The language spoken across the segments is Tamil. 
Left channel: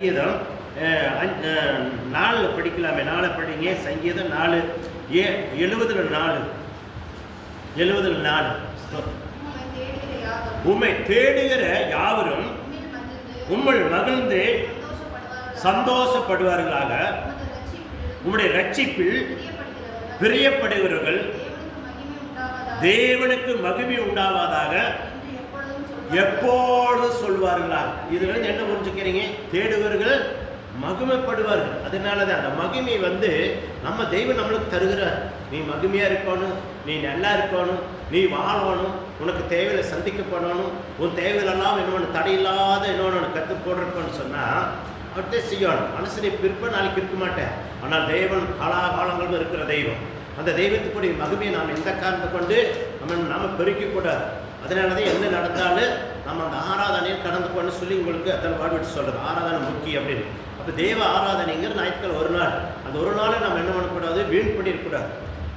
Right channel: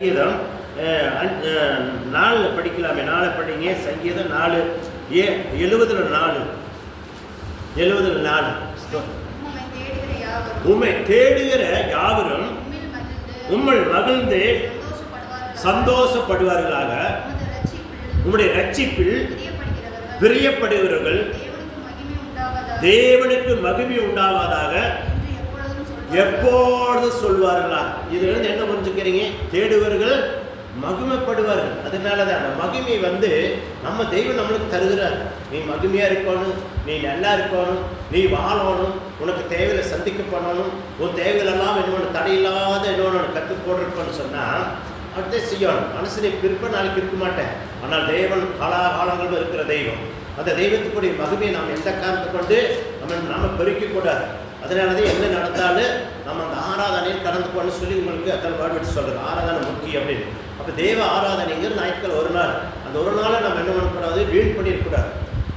சங்கீதம் 4 படிக்கலாமே, 4 படிங்க. சங்கீதம் 4 70 உம்மை தேடுகிற யாவரும் உம்மில் மகிழ்ந்து சந்தோஷப்படுவார்களாக. உம்முடைய ரட்சிப்பில் பிரியப்படுகிறவர்கள் தேவனுக்கு மகிமை உண்டாவதாக எப்பொழுது சொல்வார்களா. இதுல இருந்து என்ன புரிஞ்சுக்கிறீங்க? தேடுவர்கள் மகிமைப்படுவார்கள். அதனாலதான் அந்த மகிமை நம்ம தெய்வம் நம்மளுக்கு தருகிறார். நீ மகிமையா இருக்கணும், நீ நல்லா இருக்கணும், நீ வாழணும், உனக்கு தேவையில சந்திக்க பண்ணணும், உன் தேவையிலெல்லாம் என்னொன்று தடையில்லாத என்னொன்று கற்றுக் போடுறதுன்னு சொன்னா அப்படியே செய்யணும். மனசு நீ பிற்ப நாளைக்கு இருக்க மாட்டேன். ஆனால் தேவன் காலாகாலங்களும் இருக்கிற தெய்வம். அந்த தெய்வத்துக்குரிய மகிமையை நாம் எந்த காரணத்தை கொண்டு நம்ம பெருக்கிக் கூடாது. அதனாலதான் என்ன நடந்தாலும் நம்ம அந்த ஆராதனையை கடந்து போன்னு சொல்லி உங்களுக்கு அத்தனை வாழ்விட்டு சொல்றது. ஆராதனை முக்கியம் அப்படின்னு. அப்போ தேவ ஆராதனைங்கிற ஞாயிற்றுக்கிழமை ஒரு நாள், அந்த ஒரு நாளை நம்ம என்ன பண்ணக்கூடாது, வீண் பண்ணிடக்கூடாது.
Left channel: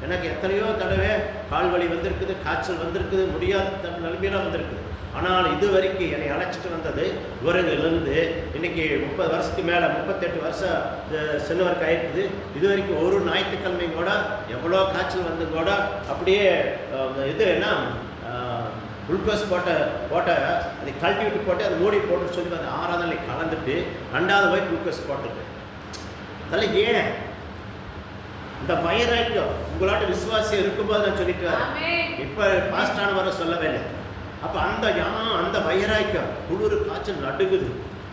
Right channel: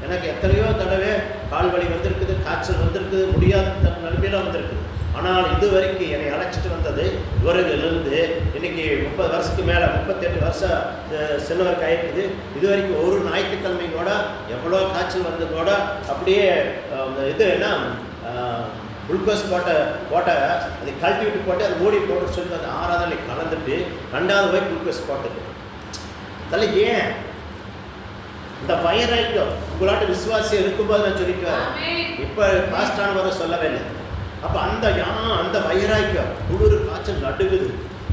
எனக்கு எத்தனையோ தடவை கால் வலி வந்திருக்குது, காய்ச்சல் வந்திருக்குது, முடியாத நிலைமையெல்லாம் வந்திருக்குது. ஆனால் இது வரைக்கும் என்னை அழைச்சிட்டு வந்தது இவர்களிலிருந்து இன்னைக்கு 30 வருஷத்துக்கு மேலே 38 வருஷம் செல்வருக்கு ஆயிடுக்குது. இது வரைக்கும் ஒரு ஞாயிற்றுக்கிழமை கூட எவ்வளோ காய்ச்சல் வந்து கூட அப்படியே இது என்ன குளுக்கோஸ் போட்ட அதை கழட்டி விட்டு போட்டு அதை மூடி போட்டு சொல்லி அந்த ஆராதனை கலந்துட்டு 2வது போய் குளுக்கோஸ் போட்டுது. அதெல்லாம் ஏன் இந்த வைராக்கியம் உங்களாட்ட விசுவாசம் இருக்கும்போது நான் சொல்லிட்டு இப்போ பாஸ்டான வர சொல்லவே இல்லை. அப்போ அந்த வைராக்கியம் குளிர் காய்ச்சல் நடுக்குது.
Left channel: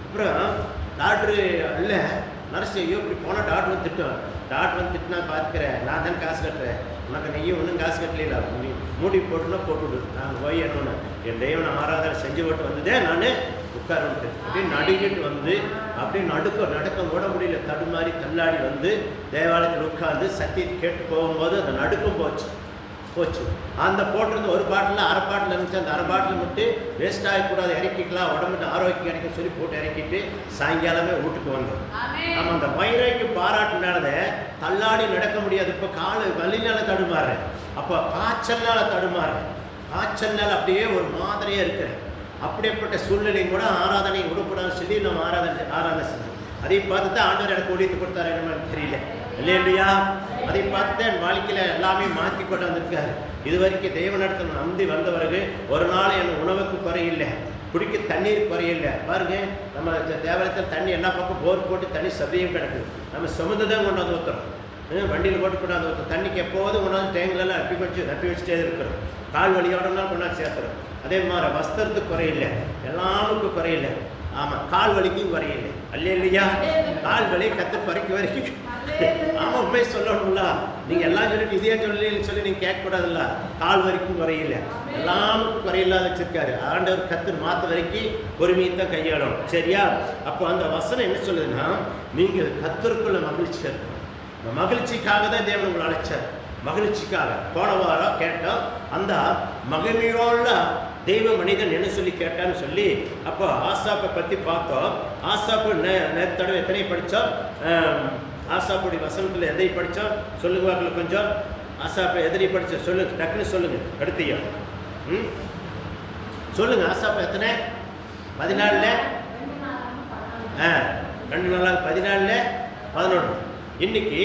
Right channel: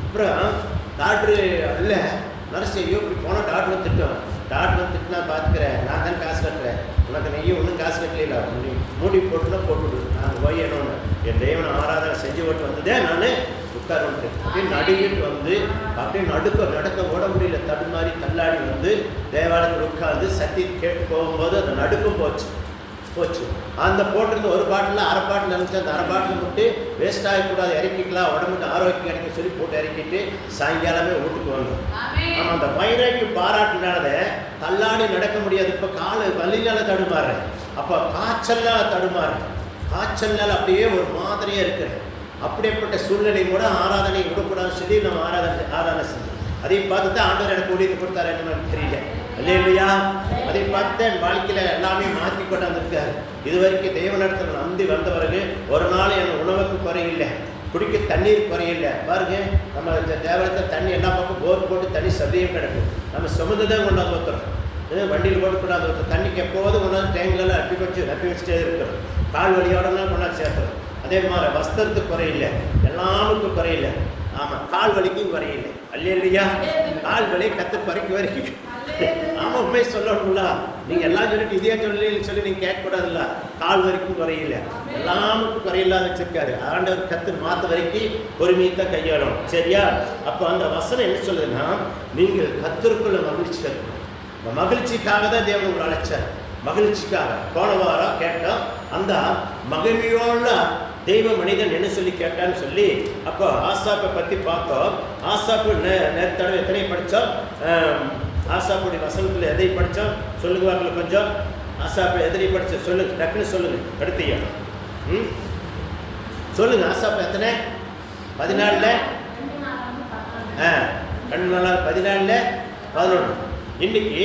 அப்புறம் டாக்டரு இல்லை நர்ஸையோ இப்படி போனால் டாக்டர் திட்டம். டாக்டர் திட்டினா பார்த்துக்கிறேன், நான் தான் காசு கட்டுறேன், உனக்கு நெய்யும் ஒன்றும் காசு கட்டல, நீ மூடி போட்டுனா போட்டுவிடு, நான் போய் என்னொன்று என் தெய்வனை ஆராதனை செஞ்சு விட்டு வந்ததே நான் உட்கார்ந்து அப்படியே நடுக்கிட்டு அப்படியே நடக்க ஓட முடியல, தடுமாறி தள்ளாடி தேவாலயத்தில் உட்கார்ந்து சக்தி கேட்டு போகும்போது அந்த நடுக்கம் போச்சு. அந்த போட்டிருந்த ஒரு பாட்டில் அரை பாட்டில் இருந்துச்சு. அந்த அரை பாட்டில் மட்டும் வேஸ்ட் ஆகக்கூடாது, இறக்கிக்கலாம், உடம்புக்கு ஆரோக்கியம் எனக்கு சொல்லி போட்டு இறக்கிட்டு சாயங்காலமே வீட்டுக்கு வந்தோம். நம்ம அந்த வைராக்கி பாராட்டினால தள்ளாடி நடக்க முடியாது. இப்போ வலினால தடுமாறுறேன், அப்போ காய்ச்சல்னால அப்படியே ஒரு மாதிரியே இருக்கிறேன். அப்படிப்பட்ட சூழ்நிலை கூட ஆராதனை விடக்கூடாதுன்னு சொல்லி நம்ம ஆராதனை செஞ்சோம். அதையும் பார்த்து தான் ஆண்டவர் எனக்கு ஊழியத்தை கொடுத்தாரு என்னன்னு தெரியல இல்லையா. அதை பார்த்து என் வாழ்க்கையில் எல்லாமே மாற்றி கொண்டாந்துருக்காரு. இது வரைக்கும் தெய்வனிடத்தில் நம்பி வந்தவர்கள் ஒரு நாள் என் உணவுக்கு குறையில்லை, குடிக்க தண்ணீர் குறையில்லை. பாருங்க, நம்ம தேவலத்தில் தண்ணி எல்லா பக்கம் போர் போட்டு தண்ணி சதையும் கிடக்கு. நம்ம சுமந்து தான் கொண்டாந்து ஊற்றுறோம், வண்டியில் போட்டு கொண்டாந்து ஊற்றுறோம். தண்ணிக்கு எப்போதும் கொண்டாந்து டேங்கிலெல்லாம் ரப்பி வச்சுட்டே இருக்கிறோம். கால் வலியோடலாம் கொண்டாந்து சேர்த்துறோம். அதே மாதிரி வஸ்திரத்துக்கு குறையில்லை, எல்லாமுக்கும் குறையில்லை. ஆமாம், கால் வலிக்கும் குறையில்லை. அல்லையா, கால் வலி கற்று பறிக்க வரைக்கும். ஆமாம், உண்மை சொல்லணும்ல. நீங்கள் எல்லாம் சொல்லிட்டு இதே சொல்லி நீங்கள் கேட்கக்கூடாதுல்ல. கால் வரைக்கும் குறையில, எல்லாமுக்கும் குறையில்லாத வச்சிருக்காரு ஆண்டவர். கற்று மாற்ற வரைக்கும் பொறுமையை தான் கையாளணும், சரியா? அப்போ அந்த வசனம் என்ன சொல்லுதுன்னா, நீங்கள் கர்த்தருக்குள்ள மகிழ்ச்சி இருக்கும். இந்த மகிழ்ச்சிக்காக தான் தேவன் உங்களை அழைச்சார், மகிழ்ச்சிக்காக. போன வாரம் கேட்டோம், அந்த மகிழ்ச்சியோட தெய்வ மனிதன் என்ன சொல்லி கேட்டான்னு சொல்லி. அப்போ ஆசாப்பை பற்றி பார்த்தோம். ஆசாப்பு நேரத்தடவை எத்தனை படித்தோம்? ஆசாப்புடைய வசனத்தில் எதை படித்தோம் சொல்லுவார்கள் கொஞ்சம். ஆசாப்பை எதனை படித்தோம் சொல்லுங்க, டக்குன்னு சொல்லுங்க. அடுத்தையா சொல்லுங்க. ஆசாப்பு எத்தனை? 14 2 நாளாக 14 11. இன்னைக்கு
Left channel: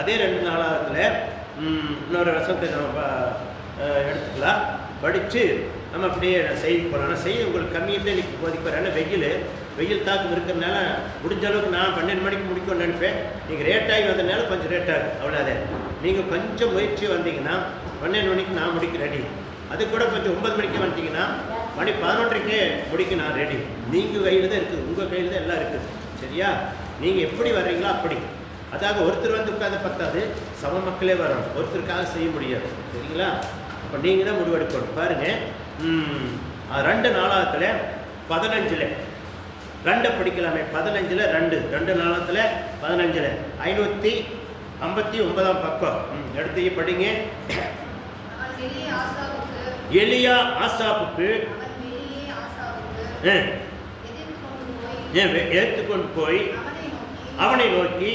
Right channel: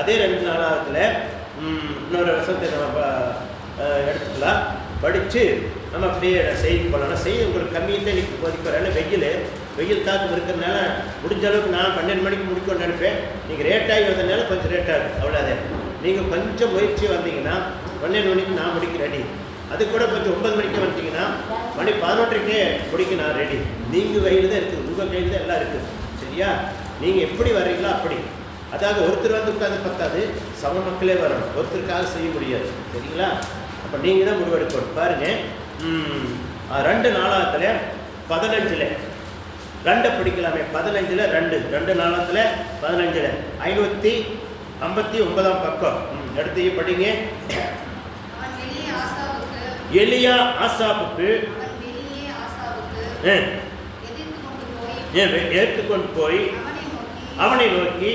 அதே 2 நாளாகத்தில் இன்னொரு வசனத்தை நம்ம எடுத்துக்கலாம், படித்து நம்ம அப்படியே செய்தி போகலாம். செய்தி உங்களுக்கு கம்மியாக இன்னைக்கு போதிப்பார். வெயில் தாக்கம் இருக்கிறதுனால முடிஞ்ச அளவுக்கு நான் 12 மணிக்கு முடிக்கணும்னு நினைப்பேன். நீங்கள் லேட்டாகி வந்ததுனால கொஞ்சம் லேட்டாகும், அவ்வளோதான். நீங்கள் கொஞ்சம் முயற்சி வந்தீங்கன்னா 12 மணிக்கு நான் முடிக்க ரெடி. அது கூட கொஞ்சம் 9 மணிக்கு வந்தீங்கன்னா மணி 11க்கே முடிக்க நான் ரெடி. நீங்கள் கையில் தான் இருக்குது, உங்கள் கையில் தான் எல்லாம் இருக்குது, சரியா? நீங்கள் எப்படி வர்றீங்களோ அப்படி. அதாவது ஒருத்தர் உட்காந்து பத்தாது, சம மக்களே வரணும், ஒருத்தருக்காக செய்ய முடியாது, சரிங்களா? அப்போ நீங்கள் தான் முடிவெடுக்கணும். பாருங்கள், 2 நாளாகத்தில் 15 2 படிக்கலாமே. 15 2 நாளாகத்தில் 15 559 பக்கம் எடுத்து படிங்க. எலியா ஆசாப்புக்கு ஏற்றுக்கொண்டு போய் அவனை நோக்கி,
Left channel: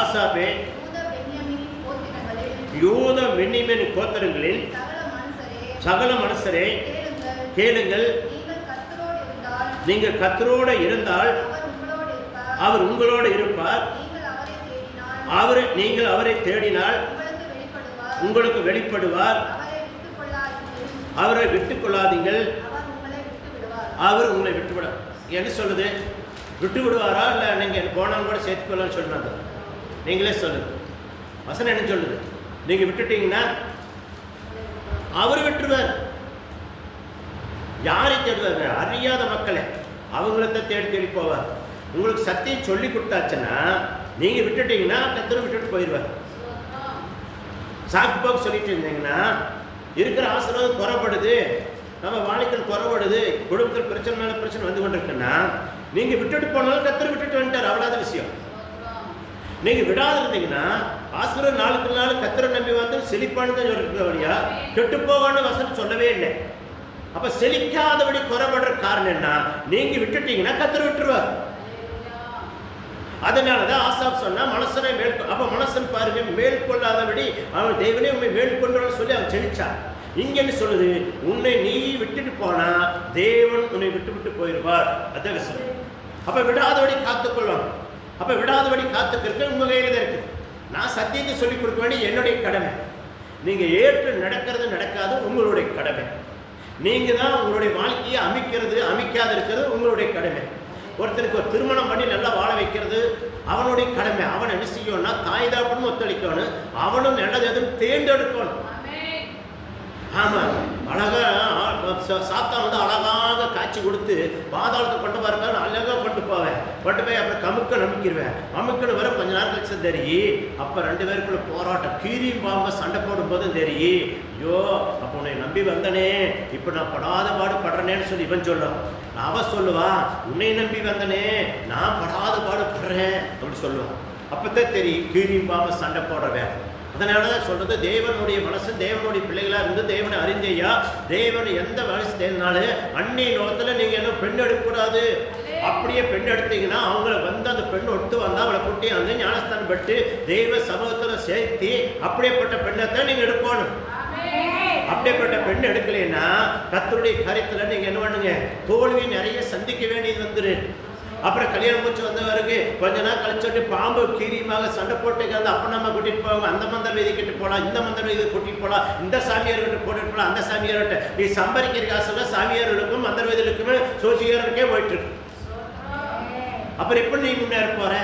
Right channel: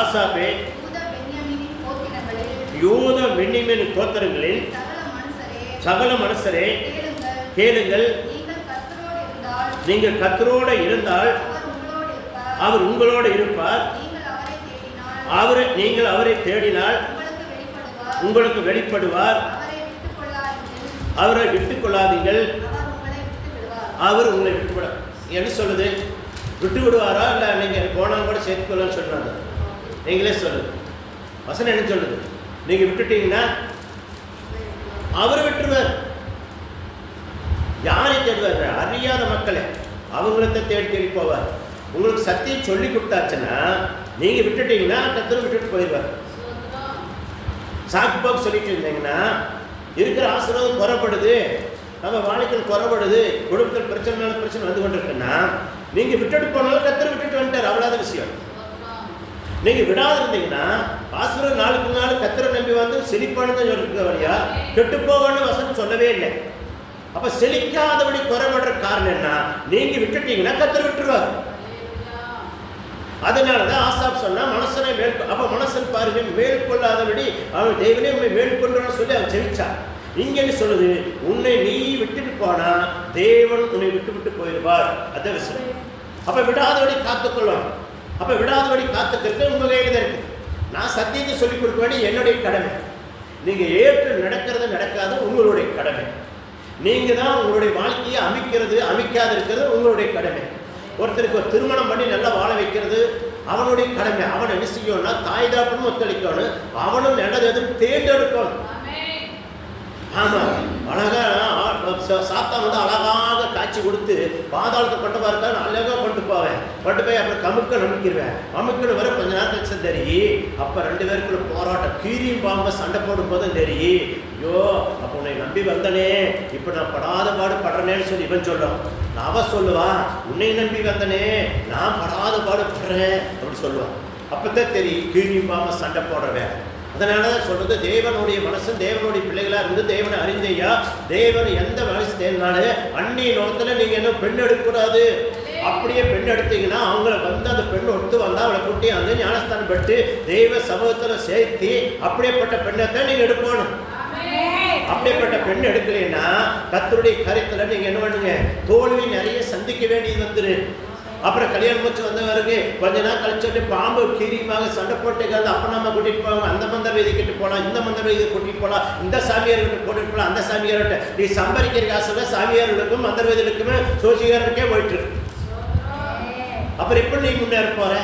ஆசாப்பே, யூத பென்யமீன் கோத்திரங்களில் சகல மனுஷரே கேளுங்கள், நீங்கள் கர்த்தரோடு இருந்தால் அவர் உங்களோடு இருப்பார். நீங்கள் அவரை தேடினால் உங்களுக்கு வெளிப்படுவார். அவரை விட்டுக் கொள்ளாதீங்கள், அவர் உங்களை விட்டு விட. என்ன சொல்லுது? விட்டு விடுவாரா இல்லை நீங்கள் போனாலும் கூட சேர்த்துக்கொள்ளலாம்னு சொல்றாங்க. நீங்களே சொல்லுது. வசனம் என்ன சொல்லுது? நீங்க விட்டுட்டீங்கன்னா அவர் விட்டுருவார். யாரை தேடுவார்? அறியாத மக்களை அவங்கள தேடி தேடி போவார். உங்களுக்கு சத்தியம் சொல்லி கொடுத்தாச்சுன்னா நீங்க விட்டுட்டீங்கன்னா கர்த்தர் விட்டுட்டு போயிடுவார். சாக்கு போக்கு சொல்லிட்டு இருந்தீங்கன்னா இருக்கிற ஆசீர்வாதம் குறைபடுது, நம்ம வாழ்க்கையில் குறைபடுது, குடும்பத்தில் பிரச்சனை மேல பிரச்சனை வந்து கொண்டு இருக்குன்னா நீங்க விட்டுட்டு போனாலும் கர்த்தர் விட்டுட்டு வந்துட்டார். அவ்வளவு விஷயம். நீங்க விடாது இருந்தீங்கன்னா ஆசீர்வாதம் நாளுக்கு நாள் கர்த்தரை நம்பி வந்து செழிப்பானது இருக்க வழியா கெட்டு போவான்னு வசனம் சொல்லவே இல்லை. அப்ப செழிக்காதபடி குறைபடுற காரணம் என்ன? நீங்க விட்டுட்டீங்கன்னா கர்த்தர் விட்டுருவார். அதனாலதான் ஆசாப் சொன்னா மனசனை அப்ப மனசன் பாருங்க மேற்கொள்ளாதபடி அவன் தேவனே உண்மை மேற்கொண்டான்னு சொல்லி அவன் செழிச்சான். நீங்க என்ன சொல்லுது? உன்னை நீ விட்டுட்டு போனா தேவன் உன்னை விட்டு விட்டு போயிடுவார். அதான் விஷயம். அப்ப விடாதபடி காத்துக்கொள்ளும். அப்ப விடாதபடி காத்துக்கிறது உங்க கையில இருக்கு. நான் சத்தியத்தை சொல்லிக் கொடுக்க வேண்டிய என்னுடைய கடமை. நீங்க ஏற்று நடக்கிறது நடக்காது உங்களுடைய கடமை. நீங்க தான் உங்களுடைய வாழ்க்கையை அமைக்கிறது அமைக்காது இருக்கிறது உங்களுடைய கடமை. ஒருத்தருக்கு ஒரு திருமணம் பண்ணி நல்லா வாழ வைக்கிறது அவனுடைய கடமை. அவன் என்ன செய்யணும்னா தாய் தாப்பனும் ஒத்துழைக்கணும், அவனும் நல்லது எதுவும் தேர்ந்தெடுக்கணும். ஆமா, அழகா சாத்தான் வந்து அழகாக காட்சி கொடுத்து பாதாளத்தை கொண்டு பார்த்தாலும் அழகா கொண்டு போவேன், கொண்டு போய் அப்புறம் கமுக்க நம்பிக்கிடுவேன். கமுக்கன்னு வர கொஞ்ச நேரம் கழிச்சு தெரி அப்ப 2 பேருக்குள்ள போராட்டம், கீரியும் பாம்ப சண்டை போடும் போதும் தெரி ஐயோ அப்ப உன்னை நம்பி வந்தனே இப்ப நான் படாத பாடு படுறேன்னு சொல்லி இவன் சொல்லுவான். அவ சொல்லுவா உன்னை நம்பி வந்தனே நான் படாத பாடு படுறேன் அப்படின்னு சொல்லுவான். அப்பதான் தெரியும் கீரியும் பாம்ப சண்டை போடுறவன். அதனால சொல்றது தேவனுடைய மனசு தேவனுடைய பிள்ளைகளா இருந்து தேவனை அறிந்தையா தேவன் எந்த மனசு தேடினாலும் அன்னை நோக்கத்துல நீங்க என்ன பெண் எடுக்கக்கூடாது. அப்படியே பெண் எடுத்தீங்கன்னா அவங்கள வந்து அந்த பெண் ஒத்து வந்தா அவளை கூட்டி வந்து ஞானஸ்தானம் பட்டு தெய்வ சமூகத்துல சேர்த்தி அப்படியேப்பட்ட பெண்ணை நீங்க எடுக்கணும். அப்படியேப்பட்ட பெண் எடுக்கலைன்னா கர்த்தருடைய காரியத்துல நீங்க என்ன பண்ணுங்க தோல்வி நிறைய சந்திக்க வேண்டியது வந்துரு. அப்புறம் கல்யாணம் முடிச்சு வந்தவருக்கு கொஞ்ச நாள் கழிச்சு பாம்பு கீரியுமாக சண்டை போட்டுக்கிறது அப்ப நம்ம கூட்டிட்டு போவோம். அந்த மந்திர வீதி கிட்ட போகலாம், இந்த மந்திர வீதி கூட்டிட்டு போகலாம், இந்த சாமியார்கிட்ட கூட்டிட்டு போகலாம், அந்த சாமியார்கிட்ட நீ சம்பாதிக்கிற காசுல சாமியார்களுக்கும் மந்திர வீதிகளுக்குமே சோசியாருக்கே போயிட்டு இருக்கு. அப்புறம் எப்படி நீ முன்னேற போற?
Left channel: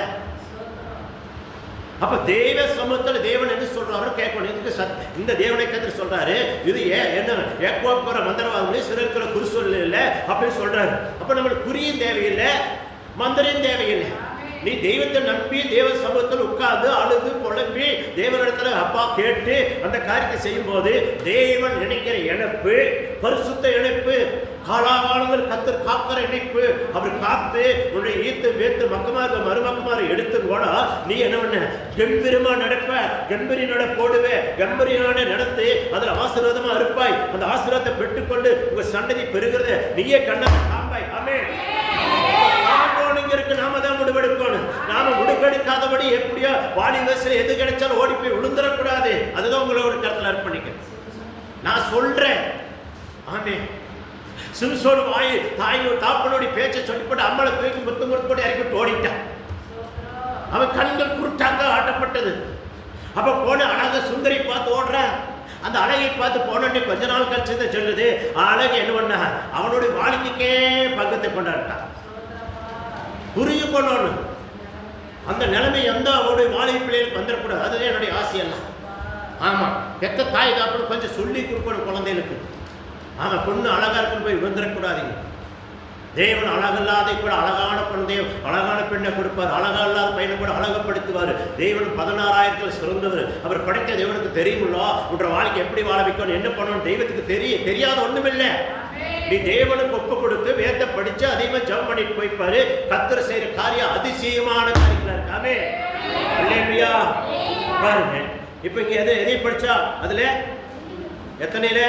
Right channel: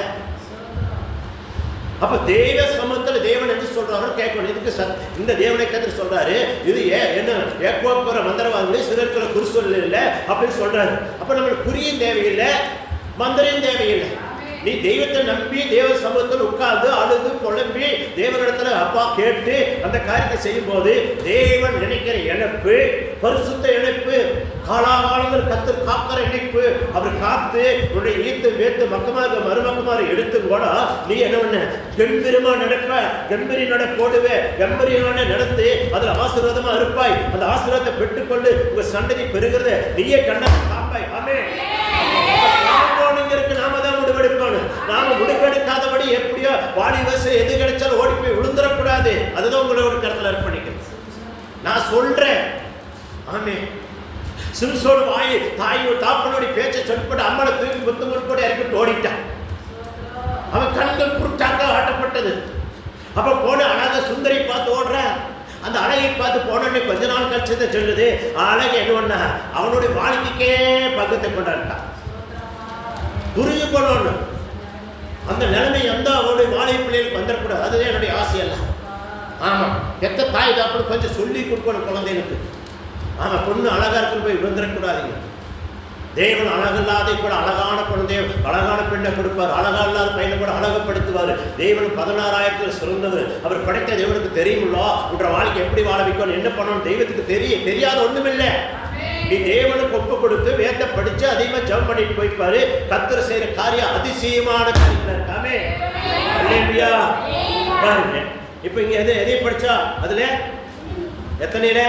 அப்ப தேவ சமூகத்தில் தேவன் என்று சொல்றாரு கேட்கணும். இதுக்கு இந்த தேவனை கற்று சொல்றாரு இது என்ன ஏக்கோப்புற மந்திரவாதிகளே சிறுக்கிற குறிசொல் இல்லை அப்படின்னு சொல்றாரு. அப்ப நம்மளுக்கு குறியும் தேவையில்லை, மந்திரம் தேவையில்லை. நீ தெய்வத்தை நம்பி தேவ சமூகத்தில் உட்கார்ந்து அழுது புலம்பி தேவனிடத்துல அப்பா கேட்டு அந்த காரியத்தை செய்யும் போது தேவன் நினைக்கிற இணைப்பு பரிசுத்த இணைப்பு, காலாகாலங்கள் கத்தர் காக்கிற இணைப்பு. அவர் காத்து உன்னை ஈர்த்து வேத்து மக்கமாக மருமக்கமாக எடுத்து கூட நீ என்ன பண்ண கம்பீரமா நடப்ப, கம்பீரி நட போடுவே, கம்பீரியான நடந்து அதுல ஆசீர்வாதமா இருப்பாய். அந்த ஆசீர்வாதத்தை பெற்றுக்கொண்டு உங்க சந்ததி பெறுகிறத நீயே கண்ணா காப்பாய். ஆமென். நாம தான் முடிவெடுக்கணும். நாம முடிவெடுக்காதபடி எப்படியோ வாடி வயசுல எது கிடைச்சாலும் ஓடி போய் விழுந்துடக்கூடாது. அதுதான் உங்களோட கருத்துல அர்ப்பணிக்க நான் சொல்றேன். ஆமென். சிம்சோன் வாய் தாயோ தாப்பனுடைய பேச்சை சொல்லிப்பட்டு அம்மளை தூக்கி முத்தம் கொடுப்பட்டு இறக்கி ஓடிட்டான். அவன் கண்கள் குருட்டாக ஆட்டப்பட்டது. அப்ப போன அழக சுந்தரி பார்த்து ஓடுற அந்த அழகை பார்த்து போனோன்னு கொஞ்ச நாள் கழிச்சதை சொல்லுது அழகு என்ன பண்ண அவனுடைய வாழ்க்கைக்கே பக்கத்தை கொண்டாட்டான். புரிஞ்சு கொள்ளணும் அந்த நிலைமை எந்த அவனுடைய வாழை பிள்ளைகளுக்கு வந்துடக்கூடாது. அதுதான் என்னுடைய ஆசையல்ல. ஆமா, பெத்த தாய் தாப்பனு கொஞ்சம் சொல்லி கொடுக்கணும் குழந்தைகளுக்கு. ஆமா, பொண்ணு அழகா இருக்குன்னு போய் வந்துடக்கூடாதுங்க. தேவன் அழகில்லாத கூட அழகான குழந்தைய அழகான பெண்ணை கொடுப்பார், அழகா இல்லாத பையனை கூட அழகப்படுத்துவார். தேவன் 16,000 சிறந்தவர். அவர் படைத்த தேவனுக்கு தெரியுமில்லோ உன்ற வாழ்க்கை எப்படி வாழ வைக்கணும் என்ன பண்ணணும் தெய்வத்துக்கு தெரியாத ஒண்ணுமில்லை. நீ தேவனுக்கு ஒப்பு கொடுத்து வேத படிச்சு அதிகமா ஜெபம் பண்ணிட்டு போய்ப்பாரு. கர்த்தர் செய்யற காரியம் அதிசயமான காரியங்களா இருக்காமே. அல்லேலூயா. பாருங்க இப்ப இங்க எதை படிச்சா அதுல எத்தனையில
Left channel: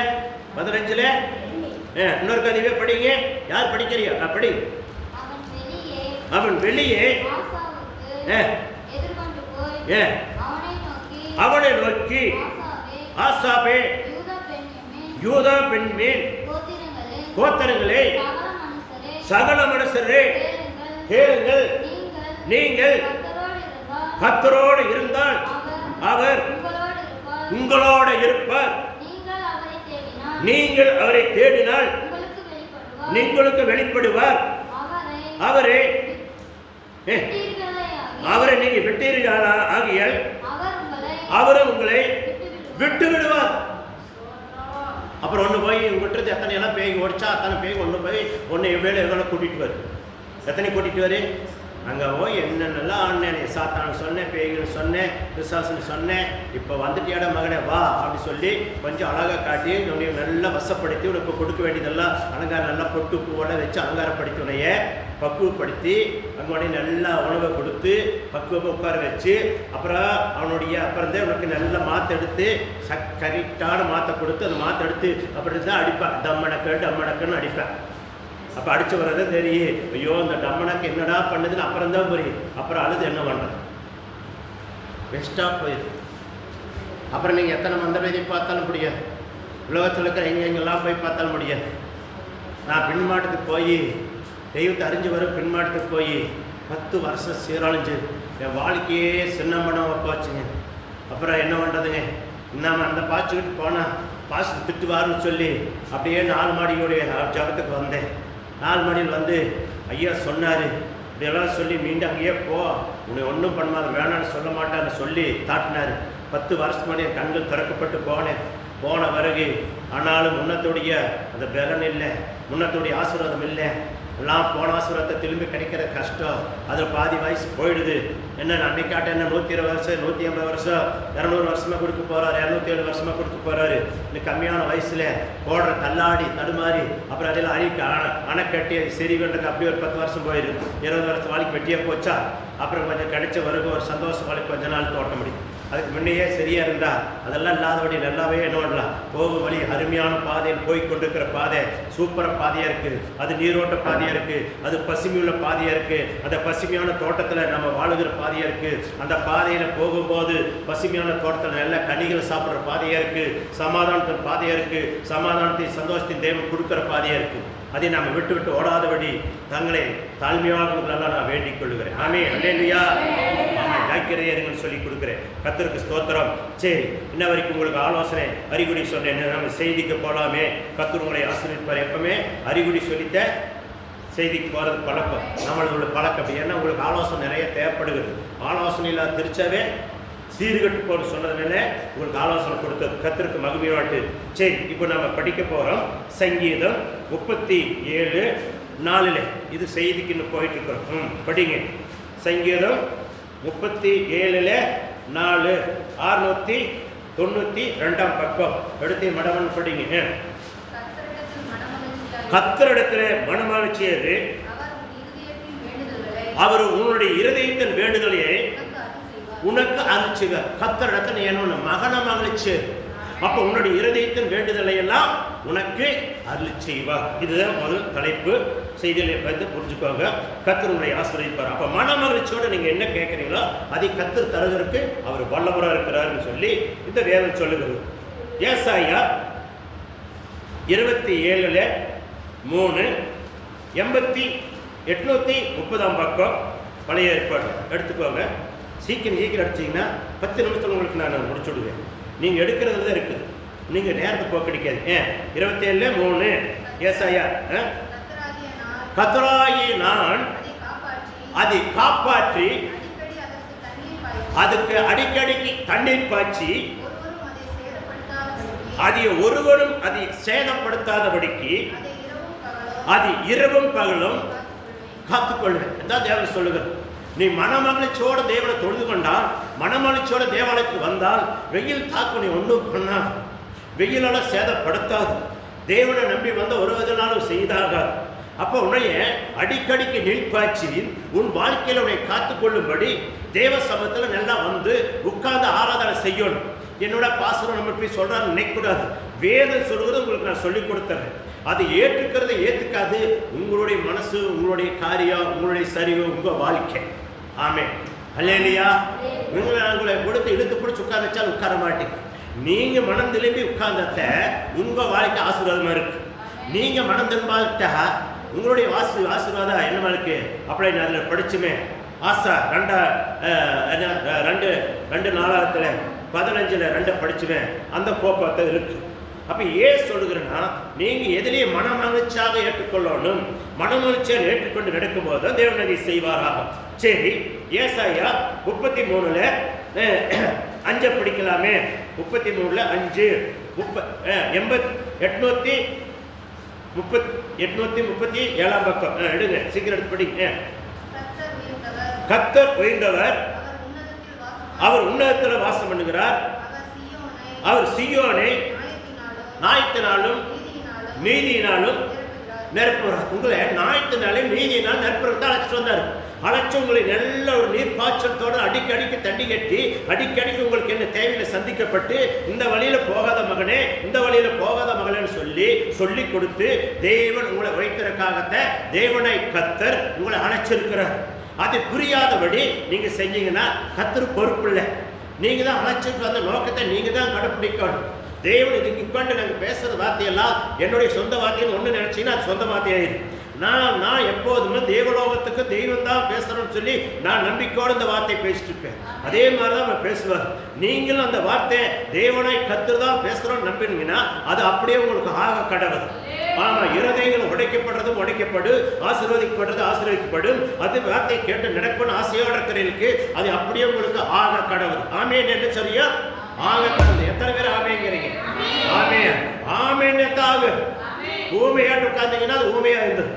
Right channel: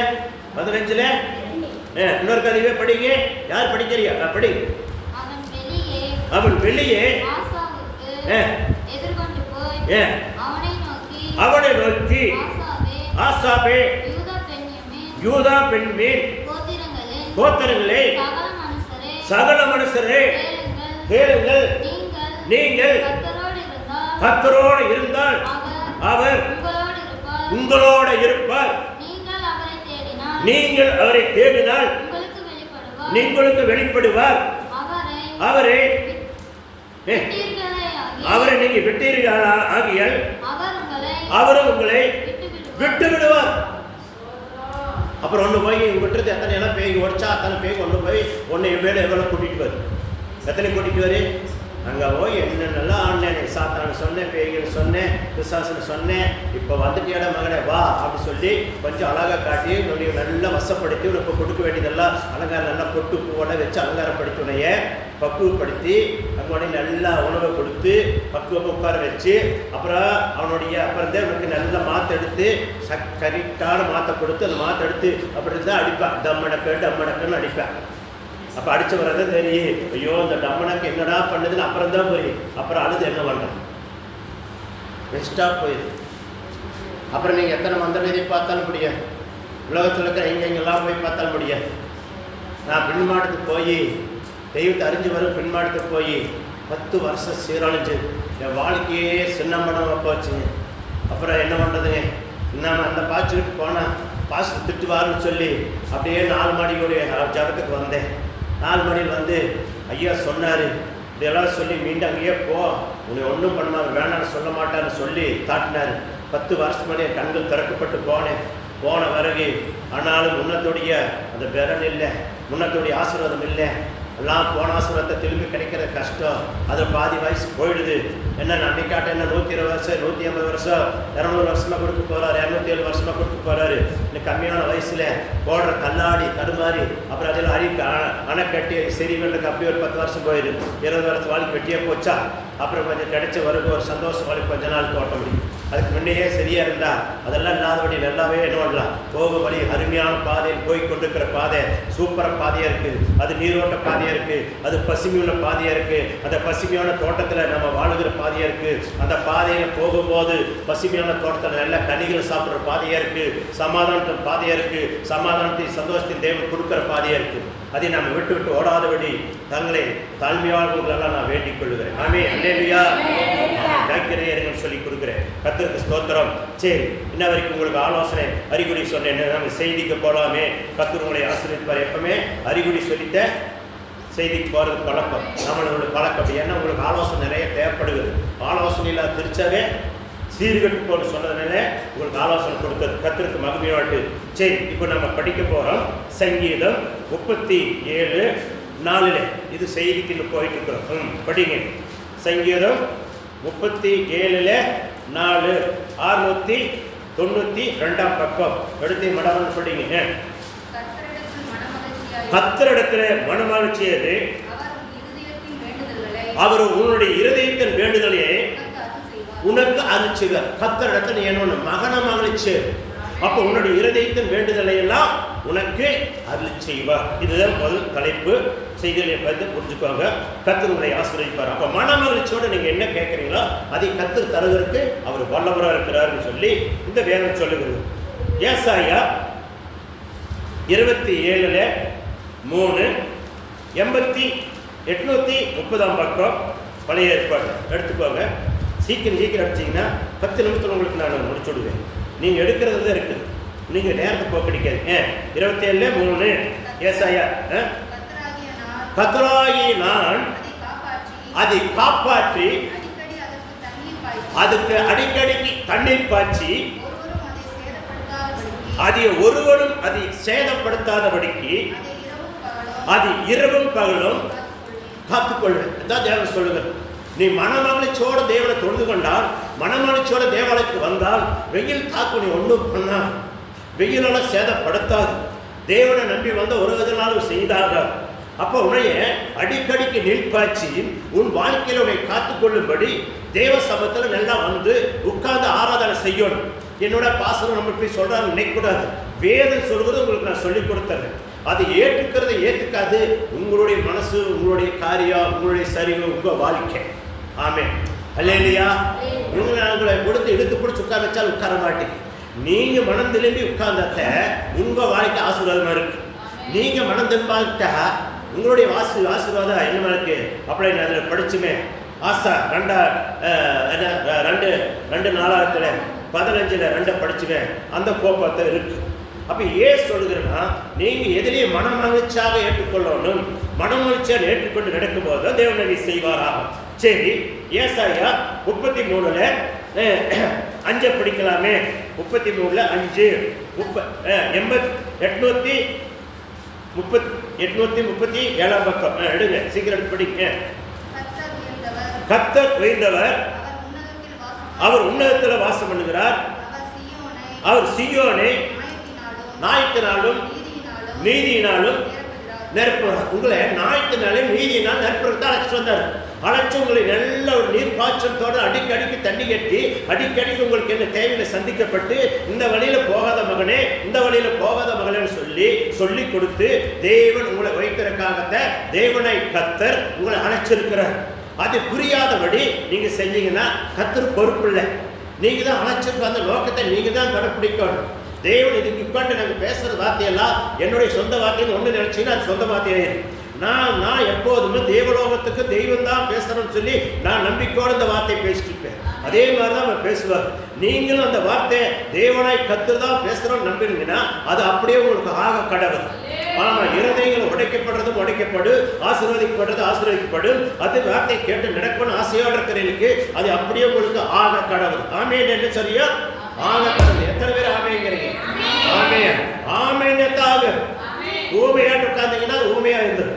15ல இன்னொரு கதையை படிங்க. யார் படிக்கிறியா? படி. அவன் வெளியே அவனை நோக்கி ஆசாபே யூதா பெண்மேல் கோத்திரங்களே சகல மனுஷரே கேளுங்கள், நீங்கள் கர்த்தரோடு இருந்தால் அவர் உங்களோடு இருப்பார். நீங்கள் அவரை தேடினால் உங்களுக்கு வெளிப்படுவார். அவரை நீங்கள் விட்டீர்களா ஆகியால் அவரும் உங்களை விட்டு விடுவார். அப்புறம் ஒன்று போய் விட்டுறது எத்தனை எல்லாம் பேய் உடச்சா அத்தனை பேய் ஒன்று போய் ஒன்று வேலை எவ்வளோ கூட்டிகிட்டு வரு. எத்தனை கூட்டிகிட்டு வரு? அங்கே போய் என்னென்னலாம் ஆனேன், சாத்தானு சொன்னேன், பேய்கள் சொன்னேன், பிசாசுன்னு சொன்னேன். இப்போ வந்துட்டியாட மகனே வா அப்படின்னு சொல்லி கொஞ்சம் அழகாக காட்டி உன்னைய நல்லா வசப்படுத்தி உனக்கு கொடுக்க வேண்டியதெல்லாம் அலங்காரம் நல்லா பொட்டு பூவோட வச்சு அலங்காரப்படுத்தி உன்னைய பக்குவப்படுத்தி அங்கே நல்லா உணவை கொடுத்து பக்குவமாக உட்கார வச்சு அப்புறம் அப்புறம் தான் உனக்கு நல்லா மாற்ற எடுத்து கரெக்டான மாற்ற கொடுத்து அந்த மாற்ற எடுத்து அப்படி தான் அடிப்பேன். டம்மடக்குன்னு அடிப்பேன். அப்போ அடித்த வரதான் தெரியும், ஐயோ இந்த டம்மனாக்கு என்னடா பண்ணுதுன்னு அப்புறம் தான் போய் அப்புறம் அழுது என்ன பண்ணுறேன் பெஸ்ட்டாக போயிடுது. அப்புறம் நீங்கள் எத்தனை மந்திரத்தை பார்த்தாலும் முடியாது, உலகத்தில் இருக்கிற எங்கெங்கெல்லாம் போய் பார்த்தாலும் முடியாது. நான் பின்மாட்டத்துக்கு போய் தெய்வத்தை அறிஞ்சு வரும் பின்மாட்டத்துக்கு போய் 10 வருஷம் சீரழிஞ்சு என் வாழ்க்கையே சின்னம்படம் போச்சுங்க. அப்புறம் என்ன பண்ணுறதுங்க, நம்ம அந்த பாய்ச்சிட்டு போனால் பாசு திட்டுவாருன்னு சொல்லி அப்படியே 4 மாடியோடைய ஜடத்துக்கு வந்தேன். 4 மாடியில் வந்து ஐயா சொன்னார், இதெல்லாம் சொல்லி மீண்டும் அங்கேயே போ, உன்னை ஒன்றும் பண்ணாது வேணான்னு சொல்ல மாட்டான்னு சொல்லி தாட்டினார். 10 வருஷம் முன்னாடி என் கண்கள் திறக்கப்பட்டு போன பிறகு ஆனாலும் முன்னத்துடைய அந்த பலன் இல்லை, முன்னத்துடைய ஆசீர்வாதம் இல்லை. எல்லாம் போன ஆசீர்வாதத்தை திரும்பி கிடைக்கிற கஷ்டம். அதில் பாதி வயசு போயிடுது. என்ன நம்பிக்காட்ட என்ன 120 வருஷம் 150 வருஷம் 200 வருஷமாக கொடுக்க போகிறாரு, 207 வருஷமாக கொடுக்க போகிறாரு. இன்னும் கம்மியான வயசில் போடுற தள்ளாடி தடுமாறி அப்புறம் அதில் அணை கட்டி சரி பண்ணுறது அப்படியே ஒரு 10 வருஷம் போயிடுது. 20 வருஷம் வாழ்க்கை வெட்டியாக போச்சா. அப்புறம் கொஞ்சம் கிடைச்ச வருக ஒரு சந்தோஷம் வாழ்க்கை கொஞ்ச நாள் ஓட்ட முடியும். அதுக்கு முன்னையே சரியாக இருந்தால் அதெல்லாம் இல்லாதபடி நல்லாவே என்ன பண்ணலாம். போகும் வழி அருமையான பாதையில் போய் கொண்டிருக்கிற பாதை சூப்பராக பாதையாக இருக்குது. அது நீரோட்ட பாதையாக இருக்குது, அது பசுமையுள்ள பாதையாக இருக்குது, அந்த பசுமையான தோட்டத்தில் நம்ம வாழுகிற பாதையாக இருக்குது. அந்த பாதையில் போகும்போது பசுமையான தோட்டத்தில் நல்ல கனிகளை சாப்பிட்ற பாதையாக இருக்குது, சமாதானத்தின் பாதையாக இருக்குது, சமாதானத்தின் சந்தோஷத்தின் தேவன் கொடுக்குற பாதையாக இருக்குது. அதை நாம் விட்டு ஓடாதபடி தங்களை தாழ்மையானவர்களெல்லாம் நான் வேண்டிக் கொள்கிறேன். நானே அல்லேலூயா வாய்க்கிறேன் சொல்லி கொடுக்குறேன். கர்த்தருக்கு ஸ்தோத்திரம். சரி, இன்ன வரைக்கும் உங்களுக்கு ஆலோசனை அறிகுறி சொன்னேன். நம்ம செய்திக்கு போகலாமே, கர்த்தர் உங்களை ஆசீர்வதிப்பார். எப்பவுமே அறிகுறி சொல்லித்த செய்திக்கு போகிறது பழக்கம், நம்மளோட பழக்கம். ஏன்னா உங்களுக்கு ஆலோசனை நிறைய தேவைப்படுகிறது. ஆலோசனையில் திருச்சாவே சீர்கட்டு போல சொன்னதுனால உங்களுக்கு ஆலோசனை கொடுத்தது. கர்த்தருக்கு மகிமையாட்டு. சரி, இப்போ நம்ம படிக்க போகிறோம் சங்கீதம் 37:4. இது செய்திக்கு இன்னும் போயிட்டு இருக்கிறோம். படிங்க. சங்கீதம் 37:4 692 பக்கம் எடுத்து மடமன் படிங்க. கர்த்தரிடத்தில் மனமகிழ்ச்சியது அவர் உன்னுடைய இருதயத்தின் வேண்டுதலே உனக்கு அருள்சுவர். கர்த்தரிடத்தில் என்ன மகன மகிழ்ச்சி. அப்போ உன்னுடைய இருதயத்தின் வேண்டுதலை எல்லாம் உனக்கு அருள் செய்வார். இதுதான் முதல் தலைப்பு. செய்தியை வந்து புரிஞ்சுக்கோங்க. கர்த்தர் உங்களை ஆசீர்வதிப்பார். அப்போ மன மகிழ்ச்சியோடு நீங்கள் என்ன கேட்குறீங்களோ அதை கர்த்தர் தருகிறதுக்கு அவர் வல்லவராக இருக்கிறார்னு சொல்லி இந்த வேதம் சொல்லுகிறது. ஏசாயா 27:3 830 பக்கம் பழைய ஏற்பாடு எடுத்துக்கோங்க. சீக்கிரம் அடிச்சிங்கன்னா 10 நிமிஷத்தில் உங்களுக்கு நான் முடிச்சு விடுவேன். நீங்கள் எடுக்கிறது தான் இருக்குது, நீங்கள் நேரத்தை போக்கடிக்காது. 27:3 ஏசாயா, கர்த்தராகிய நான் அதை காப்பாற்றி அதுக்கு அடிக்கடிக்கு தண்ணீர் பாய்ச்சி அதை ஒருவரும் அதை சேதப்படுத்தாதபடிக்கு அது இரவும் பகலும் காத்துக்கொள்ளும். இதான் தேவன் சொல்லுகிறது. நீ மனமகிழ்ச்சியோட தேவனை தொழுது கொண்டால், மனமகிழ்ச்சியோட தேவாலயத்துக்கு வந்தால், வெயில் தாக்கு நீ ஒன்றும் பண்ணா, வெயிலால சேதப்படுத்தாது. தேவனை நம்பி வந்த ஒரு விதனாலும் செய்தாக. அப்போ உன்னைய அடிக்கடிக்கு நீர்ப்பாய்ச்சி உன் வாழ்க்கையில உன்னை காத்துக்கொள்ளும்படி தேவ சமூகத்தில் நல்லா வந்து உட்கார்ந்து ஆராதனை செய்யணும். என்னோட பாசனம் நம்ம போய் சொல்றான்னு நினைக்கக்கூடாது. வேதம் சொல்கிறது உங்களுக்கு நான் சொல்லிக் கொடுத்துறேன். அதை ஏற்றுக்கிறத ஏற்றுக்காது. உங்களுடைய மனசு, உங்களுடைய காரியம், உங்களுடைய சரிவு, உங்கள் வாழ்க்கை. ஆமென். அல்லேலூயா. உங்களை கொடுத்து இழுத்து பிடிச்சி உட்கார வச்சால் உட்கார மாட்டேங்க. நீங்கள் மனம் திரும்பி உட்கார்ந்த உங்கள் வாழ்க்கை ஆசீர்வாதமாக இருக்கு. நீங்கள் மனம் திரும்பாட்டா உங்களுடைய ஆசீர்வாதம் என்னமா இருக்கு. அப்படியே நான் அதில் படிச்சுமே ஆசா 2:4-15 படிச்சுவேன். அந்த கோபத்தை இருக்கு. அப்ப ஏன் சொல்லுகிறேன்னா, நீங்க எதிரே மனமகிழ்ச்சியாக ஏற்றுக்கொள்ளணும். மனமகிழ்ச்சியாக ஏற்றுக்கொண்டு நடக்கும் போது தேவனை செய்வாராக. சரி, ஏசாயா 33 5 படிக்கலாமே. 33 5 837 பக்கம் எடுங்க, சீக்கிரம் படிங்க. கர்த்தர் உயர்ந்தவர், அவர் உன்னதத்தில் வாசம் பண்ணுகிறார். அவர் சீயோனை ஞாயிற்றினாலும் நீதியினாலும் நிரப்புகிறார். உங்களை ஞாயிற்றினாலும் நீதியினால் நிரப்புறது அழைச்சு வந்தார். அழைச்சு உங்களை நல்ல ஒரு நீர் பாய்ச்சலத்தோடு அடிக்கடிக்கு தண்ணி கட்டி அடிக்கடிக்கு உங்களுக்கு என்ன தேவையில சந்திக்கப்பட்டு, இந்த வழியில போகாத மகனே, இந்த வழியில போகாத மகனேன்னு சொல்லி கொடுத்து தேவன் உங்களை வைக்கிறதுக்காகத்த தேவனை கர்த்தர் உங்களை அழைச்சிருக்கிறார். அது புரியாதபடி நீங்க செஞ்சீங்கன்னா கர்த்தர் பொறுப்பு இல்லை. நீங்க தான் அழைச்சிட்டு வந்த நோக்கத்தை நீங்க தான் கடைப்பிடிக்கணும். தேவன் இதுக்கு உட்காந்து நாங்கள் பேசுறது வார்த்தையெல்லாம் என்னுடைய சொந்த வார்த்தைன்னு ஒன்று நினைச்சீங்கன்னா அது சொந்த வார்த்தையாயிரு. நான் எப்போதுமே தேவலோகத்துக்கு தெய்வம் தான் பேசுறேன்னு சொல்லி நான் நம்பிக்கையோடு இந்த வார்த்தை பேசிட்டு இருப்பேன். அதே மாதிரி தான் அவர் பேசுவார். நீங்களும் அந்த வார்த்தையை தேவனை கர்த்தர் தான் பேசுறோம்னு நம்பினீங்கன்னா அது அப்படியே உங்களுக்கு ஆக கடவுள். இருதயங்கள் உடைக்கப்படுறதும் உடைக்கப்படும், ஆசீர்வதிக்கப்படுறது ஆசீர்வதிக்கப்படும். அது வார்த்தை கேட்டு நடக்கணும் ஆசையோடு இருக்கிறவங்களுக்கு அது அப்படியே உங்களுக்கு ஆக கடவுள். ஆமேன் என்று சொல்லியா? ஆக கடவுள். எத்தனை பேர் ஆமேங்கிறீங்க? ஆமேன் ஆமேன். ஊமையாட்டு உட்கார்ந்தீங்கன்னா அது ஊமையா இருந்தது.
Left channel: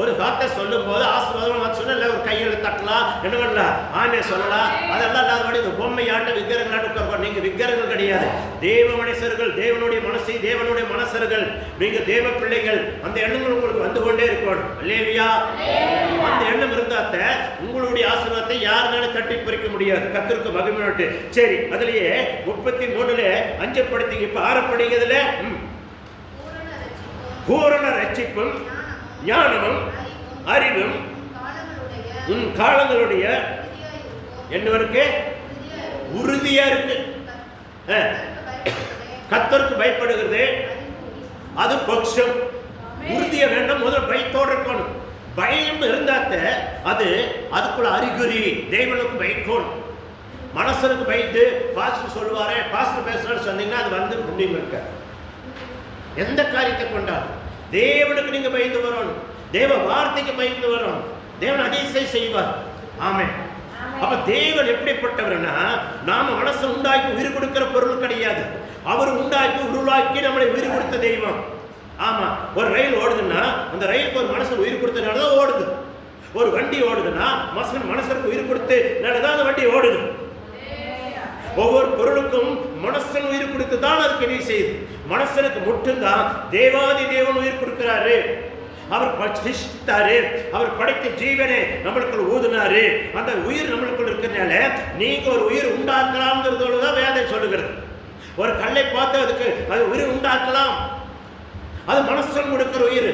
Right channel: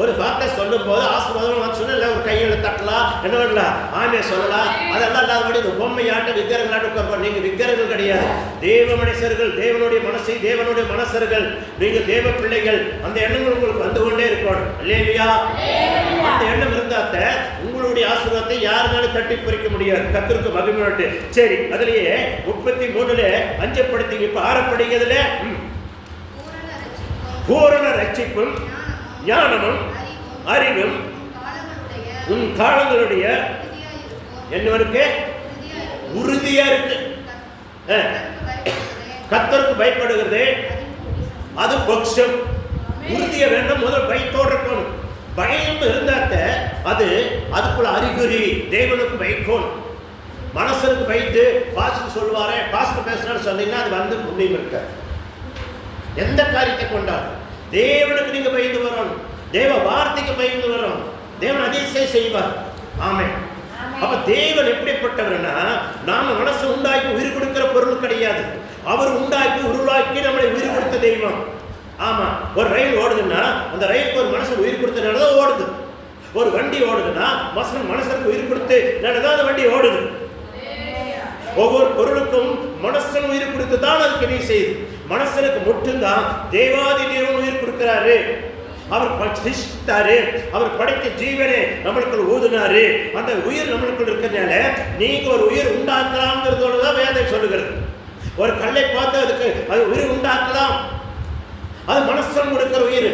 ஒரு வார்த்தை சொல்லும் போது ஆசீர்வாதம் சொன்ன ஒரு கையில் தட்டலாம், என்ன பண்ணலாம், ஆமையை சொல்லலாம். அதெல்லாம் இல்லாதபடி இந்த பொம்மையாட்ட விக்கிரகங்களாட்ட உட்கார். நீங்க விக்கிரகங்கள் கிடையாது, தேவ மனுஷர்கள், தேவனுடைய மனசை தேவனுடைய மனசர்கள். நீங்க தேவ பிள்ளைகள். அந்த எண்ணங்கள் உங்களுக்கு வந்து கொண்டே இருக்கணும் இல்லையா? அந்த எண்ணம் இருந்தாத்த உங்களுடைய ஆசீர்வாதத்தை யாருனாலும் தட்டி பறிக்க முடியாது. கர்த்தருக்கு மகிமையோட்டு. சரி, அதுலயே 33 5 படித்தீங்க. இப்ப 6 படிக்கிறதுல பூரண ரட்சிப்பும் ஞானமும் அறிவும் உன் காலங்களுடைய என்னவருக்கு உறுதியா இருக்கு. கர்த்தருக்கு பயப்படுகிறது அது பட்சம். உறுதிய வேண்டும், முதல் பயத்தோடு இருக்கணும். பயம் இருந்தாத்த அது அதுக்குள்ள அறிகுறி. தேவனுக்கு பயக்கணும். மனசனுக்கு பயத்து பாஸ்டர் சொல்லுவாரே, பாஸ்டர் பேசுறான்னு சொன்னீங்கன்னா அது வந்து புண்ணியம் இருக்க. எந்த காரியத்தை கொண்டாலும் தேவனுக்கு நீங்க பயந்து வரணும். தேவ வார்த்தைக்கு பயந்து வரணும். தேவன் அதிசயம் செய்வார். ஆமென். அப்ப தேவன் எப்படிப்பட்டவர்னா, நாம மனசு உண்டாக்கி உயிர் கொடுக்கிற பொருள் கிடையாது. அவர் உண்டாக்கி உருவாக்கி நம்மளை உயிர் கொடுத்த தெய்வம். ஆமா, ஒரு ரயில் ஓடுதுன்னா அந்த ரயிலுக்கு ஒரு மனசு உயிர் கொடுத்தனாலதான் ஓடுது. ஒரு வண்டி ஓடுதுன்னா மனசனுக்கு உயிர் கொடுத்து தான் அந்த வண்டி ஓடுது. ஒவ்வொரு பொருளுக்கும் மனசன் உயிர் கொடுத்து தான் அதுக்கு நீ செய்யுது. மனசனுக்கு மட்டும்தான் தேவாதி தேவன் உயிர் கொடுக்கிறாரு. அவர் சிருஷ்டித்தாரு. அவர் படைத்த ஜீவனை நம்மளுக்குள் ஊதினாரு. அந்த உயிர் நம்மளுக்குள் இருக்கிறதுனால நீங்க ஒரு உயிர் உண்டாக்கலாம்ங்கிறதோடதான் வேதம் சொல்லுகிறது. ஒரு கல்லை பார்த்து அதுக்கு அது உயிர் உண்டாக்கலாம். அது மனசன் கொடுக்கிற உயிர்.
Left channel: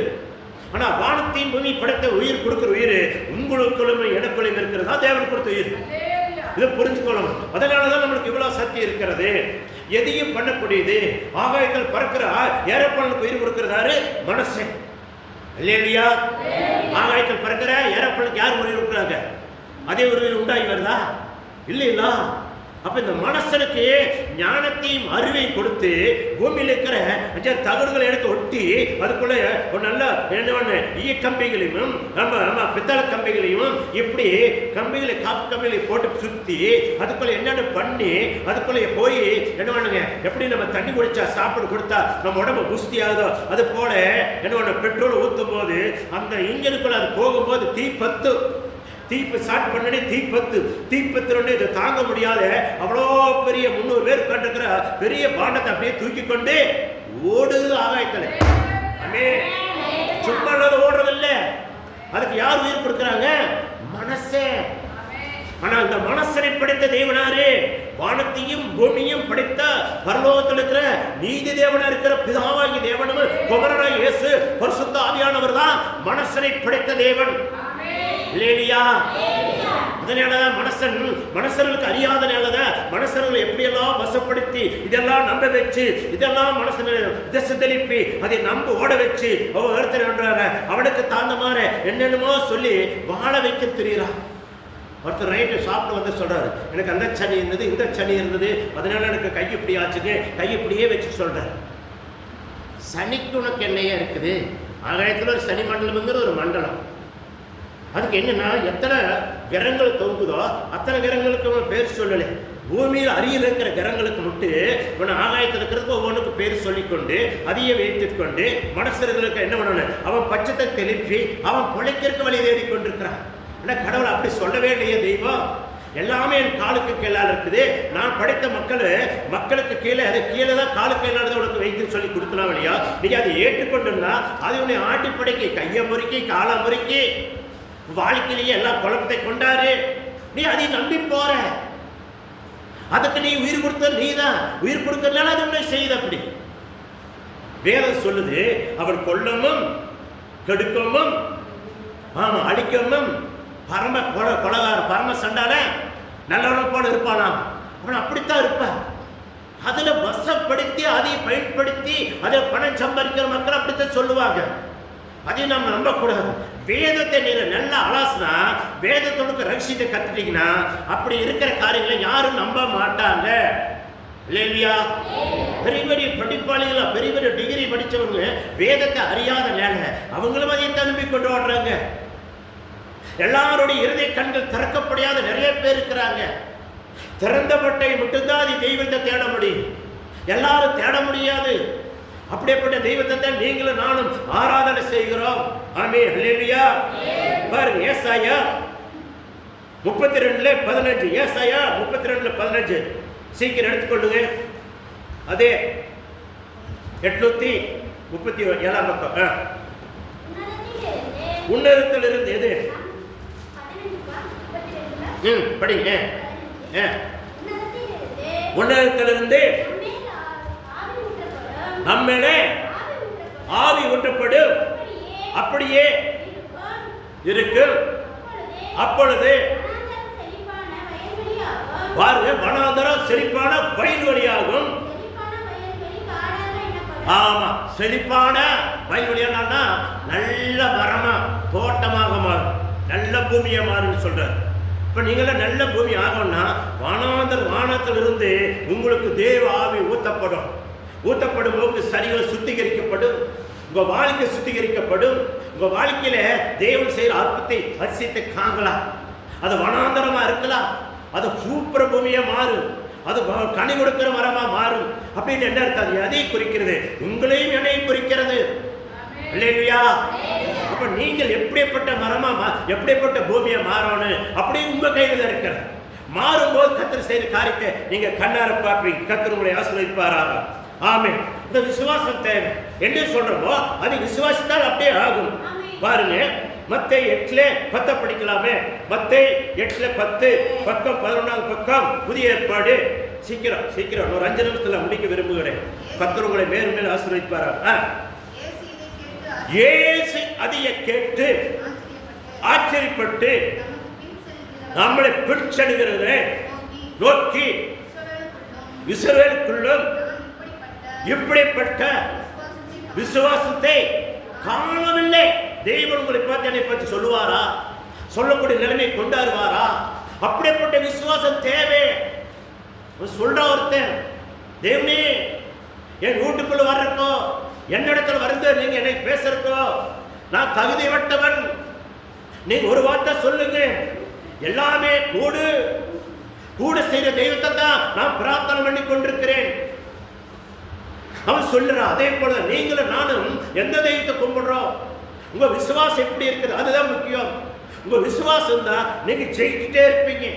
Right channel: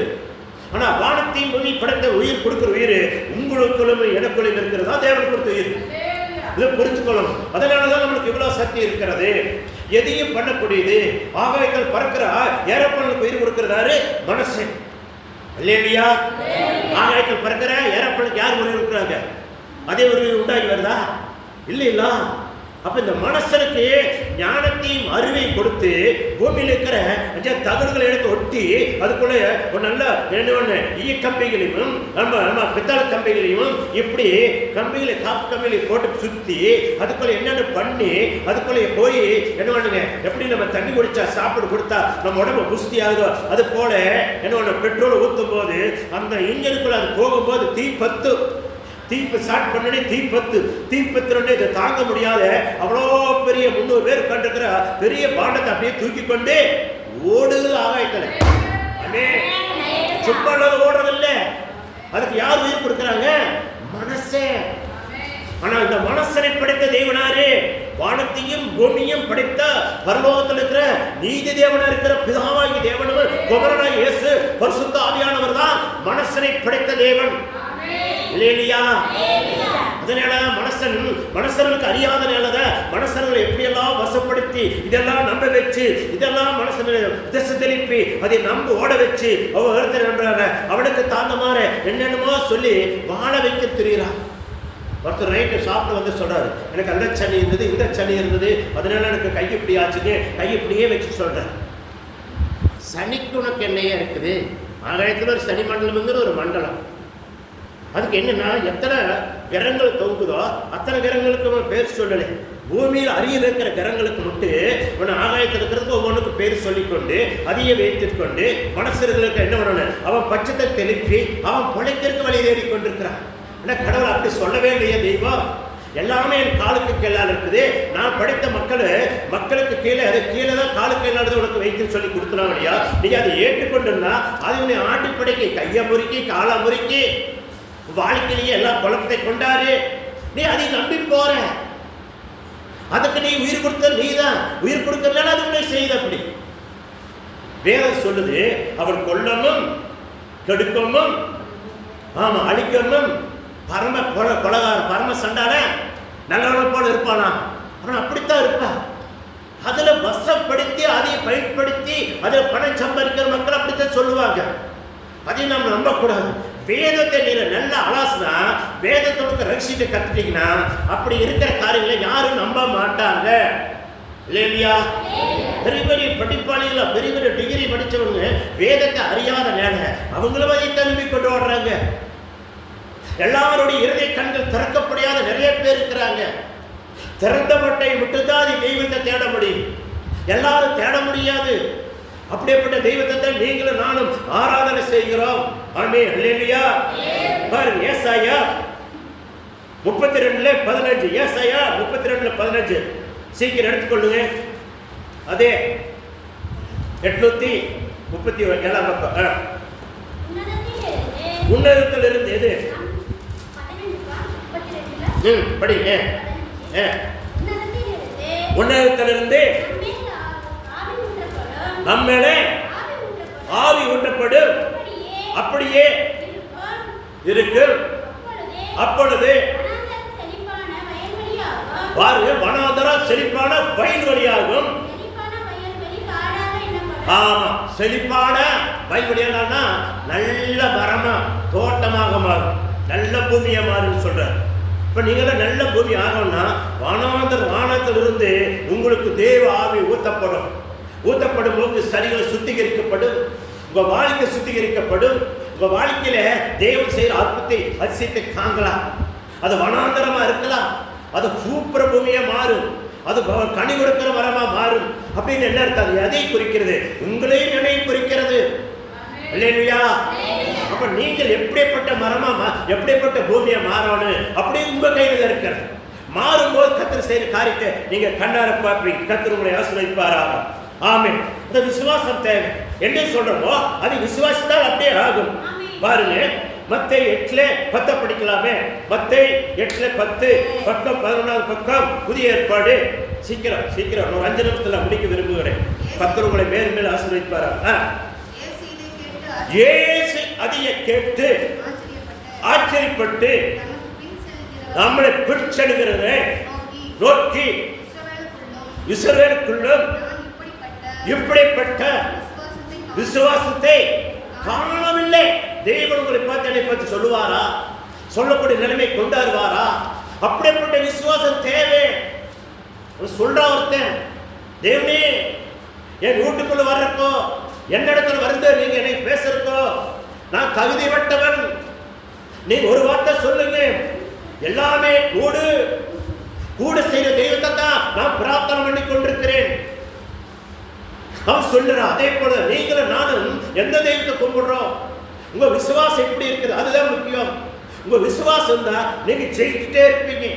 ஆனா வானத்தையும் பூமி படைத்த உயிர் கொடுக்கிற உயிர் உங்களுக்குள்ளும் எனக்குள்ளும் இருக்கிறதா தேவன் கொடுத்த உயிர். இதை புரிஞ்சுக்கொள்ளணும். அதனாலதான் நம்மளுக்கு இவ்வளவு சக்தி இருக்கிறது. எதையும் பண்ணக்கூடியது. ஆகாயத்தில் பறக்கிற ஏரோப்ளேனுக்கு உயிர் கொடுக்கிறாரு மனசு இல்லையா? ஆகாயத்தில் பறக்கிற ஏரோப்ளேனுக்கு யார் உயிர் கொடுக்குறாங்க? அதே உயிர் உண்டாகி வருதா? இல்லைங்களா? அப்ப இந்த மனசனுக்கு ஞானத்தையும் அறிவை கொடுத்து பூமியில் இருக்கிற தகடுகளை எடுத்து ஒட்டி அதுக்குள்ள ஒரு நல்ல ஈய கம்பிகளையும் நம்ம பித்தளை கம்பிகளையும் இப்படி கம்பிகளை காப்பு கம்பிகளை போட்டு சுத்தி அதுக்குள்ள என்னென்ன பண்ணி அதுக்குள்ள போய் என்ன பண்ணுங்க, எப்படி நம்ம தண்ணி குடிச்சா சாப்பிட்டு கொடுத்தா நம்ம உடம்பு புஷ்டி ஆகுதோ அது போல என்ன பெட்ரோல் ஊற்றும் போது அந்த இன்ஜினுக்குள்ள அது போகும்போது தீப்பத்து ஸ்டார்ட் பண்ணி தீப்பத்து இதை தாங்க முடியாத அவ்வளோ பெரிய 300 பேர் கண்டிருக்கிற பெரிய பாண்டத்தை அப்படியே தூக்கி கொண்டு ஓடுது ஆகாயத்துல. சும்மா ஓடுறதில்லை. அதுக்கு யார் உயிர் கொடுக்குறாங்க? மனசே. ஆனா இந்த மனசனை படைத்த தேவனாரு வானத்தையும் பூமியையும் படைத்த பரலோகத்தில் இருக்கிற நீதி தேவனா இருக்கிற பிதாவாகி தேவனும் குமாரனாகிய இயேசு பரிசுத்த ஆவியானவர் தான் மனசனை படைத்த தேவன். அதனால மனசர்களுக்கு அறியாத நிலத மனசர்களை எப்படியெல்லாம் வசப்படுத்தி இதெல்லாம் நம்ப வச்சு இதெல்லாம் மனசனை திசை திருப்பி அதை நம்ப ஓட வச்சு அவனுக்கு தாந்த மாதிரி என்னென்னமோ சொல்லி வாழ வைக்க தெரியுறான். ஒருத்தர் நைட்டு சாப்பிட்டு வந்து சொல்றாரு, எனக்கு அந்த சனி இருந்தது, இந்த சனி இருந்தது, அதனால எனக்கு கை இப்படி ஆச்சுங்க, கை இப்படியே வச்சு சொல்றாரு. சனிக்கு உனக்கு என்னையா இருக்குது? ஆகாயத்தில் ஒரு சனி மண்டலம்ங்கிற ஒரு மண்டலம். அதுக்கு என்னன்னா எத்தனை கிரகங்கள் தொங்குதோ அத்தனை கிரகங்களுக்கு அவன் பேர் சொல்லலை. பூமியில் அருகில் இருக்கிற கிரகங்களுக்கு மட்டும் இவன் ஆகாயத்தில் இருக்கிறதுக்கு ஒவ்வொன்றுக்கு பேர் சொல்லிக்கொண்டு அதையே வைத்துக் கொண்டு மனசர்களுக்கு என்ன பண்ணணும், அவன் பட்சத்தை தெளிப்பி அவன் பிழைக்கிறதுக்கு வழி தேடி கொண்டிருக்கிறான். ஆனால் கடவுள் அப்படி சொல்லவே இல்லையே. தெய்வம் எல்லாமே என் காலுக்கு கீழால் இருக்குது, நான் படித்த மக்களுக்கு கீழே அது கீழே தான் காலுக்கு கீழானது உனக்கு வைத்து சொல்லி கொடுக்கலாம் இல்லையா? நீங்க அதை ஏற்றுக்கொண்டுன்னா அது உன்னை ஆட்டி படைக்கி கையை முறுக்கி காலை முறுக்கி வாழ்க்கையிலேயே எல்லா குழப்பத்தை கொண்டாரு. நீ அதை நம்பி போற, அதுக்கு நீ உயிர் கொடுத்த நீ தான். உயிர் கொடுக்கறதுனால அது உன்னை செய்த. அப்படி வேதம் சொல்லுது, அவர் கொல்லமும் கெடுக்கமும் ஆமா அழிக்கணும் பரம கொலகார பரம சண்டான நல்லவனை போல இருப்பானா? அவன் அப்படித்தான் இருப்பான். அதுல வசப்படுத்தி அதை பயன்படுத்தி அதில் பணம் சம்பாதிக்கிற மக்கள் அப்படித்தான் சொல்லுவாங்க. அதை நம்ம நம்பக்கூடாது. வேதத்தை நீங்க நல்லா அலாசுனா, வேதத்தோட ரகசியத்தை கத்துட்டீங்கன்னா அப்படி இருக்கிற காரியங்களை யாரும் நம்ப மாட்டாங்க இல்லையா? பெரிய பெரிய படிப்பாளிகளா பெரிய பெரிய டிகிரி படித்தவங்க வேதத்தை அறியாத நேர அவங்களும் அதை நம்பி கொண்டு வர்றாங்க. எல்லாருடைய இருதய கண்கள் திறக்கப்படாத நிறைய பேர் இருக்கிறாங்க. திறந்த மட்டை மட்டும்தான் அது தெய்வத்தை தேட முடியும், எல்லாரும் தேட முடியாது. அப்படிப்பட்ட தெய்வத்தை தான் நீங்களும் நானும் ஆராதனை செய்கிறோம். ஆமென் அல்லேலூயா. பாருங்க ஏசாயா 32:15. ஏசாயா 32:15 சீக்கிரம் எடுத்துக்கொள்ளுங்க. அதே 837 பக்கம். உன்னதத்தில் இருந்து எது படிங்க. உன்னதத்திலிருந்து நம்மளே ஆவி ஊற்றப்படும், அப்படியே இருக்கும். அப்பொழுது பாருங்க, வனாந்தரம் செழிப்பான வயல்வெளியாகும். ஆமா, செழிப்பான வயல்வெளியானா நல்ல மரமா தோட்டமாக மாறும், நல்ல பூமியா மாறும் சொல்றாரு. இப்ப நீங்களும் நல்ல பூமி ஆகணும்னா வானத்திலிருந்து உங்களுக்கு தேவ ஆவி ஊற்றப்படும். ஊற்றப்படும் போது சரீரம் சுத்திகரிக்கப்படும், உங்க வாழ்க்கை சுத்திகரிக்கப்படும். உங்க வாழ்க்கையில தேவன் செய்கிற அற்புதத்தை அதிசயத்தை காணலாம். அது வனாந்தரமா இருக்கலாம், அது பூப்புற பூமியா மாறும், அது கனி கொடுக்கிற மரமா மாறும். அப்படின்னு என்ன அர்த்தம்? எதை குறிக்கிறது? உங்களையும் என்னையும் குறிக்கிறது இல்லையா? அப்ப நீங்கள் எப்படிப்பட்ட மரமா எப்படிப்பட்ட பூமியை மாறணும் அப்படி உங்க கையில் இருக்கிறது. மாறும்போது கர்த்தர் செய்கிற காரியத்தை நீங்க கண்ணார பார்ப்பீங்க. கர்த்தர் உங்களை ஆசீர்வதிப்பாராக. ஆமென். அந்த விசுவாசம் தேவை. என்ன சொல்றோமோ அது விசுவாசித்தால் அப்படியே ஆகும். பாருங்க, மத்தேயு 8:10 படிக்கலாமே. மத்தேயு 8:10 பக்கம் 11 பக்கம் புதிய ஏற்பாடு. சீக்கிரம் சீக்கிரம் ஒரு 5 நிமிஷத்துல முடிக்க விரும்புகிறேன். கர்த்தர் உங்களை மேலும் மேலும் ஆசீர்வதிப்பாராக. இயேசு அதையே கேட்டு ஆச்சரியப்பட்டு நம்மளை பிடிச்செடுகிறத நோக்கி இஸ்ரவேலுக்குள்ளும் இப்படிப்பட்ட விசுவாசத்தை காணவில்லை. தெய்வம் உங்களை பார்த்து சொல்லுவாரா? சொல்லக்கூடிய நிலைமை கொண்டாடுவாரா? அப்படிப்பட்ட விசுவாசம் தேவை. சொல்ற ஒருத்தன், தேவனே என் வீட்டுக்குள்ள வர்றக்கோ என்னிடத்துல வருது, நீங்க என்னை பேசுறக்கோ நான் தகுதியற்றவன், நீங்க ஒரு வார்த்தை சொல்லுங்க, எல்லாமே கூட செய்த தெய்வத்தை தான் நான் பிரார்த்தனை பண்ணி கொண்டிருக்கிறேன் அவன் சொல்லுறான். அதே போல நீங்களும் நானும் எந்த தெய்வத்தை கும்பிடுறோம், உங்க விசுவாசம் எப்படி இருக்குது அதுதான் முக்கியம். உங்க விசுவாசம் தான் நீங்க ஜெயிச்சுட்டே இருப்பீங்க.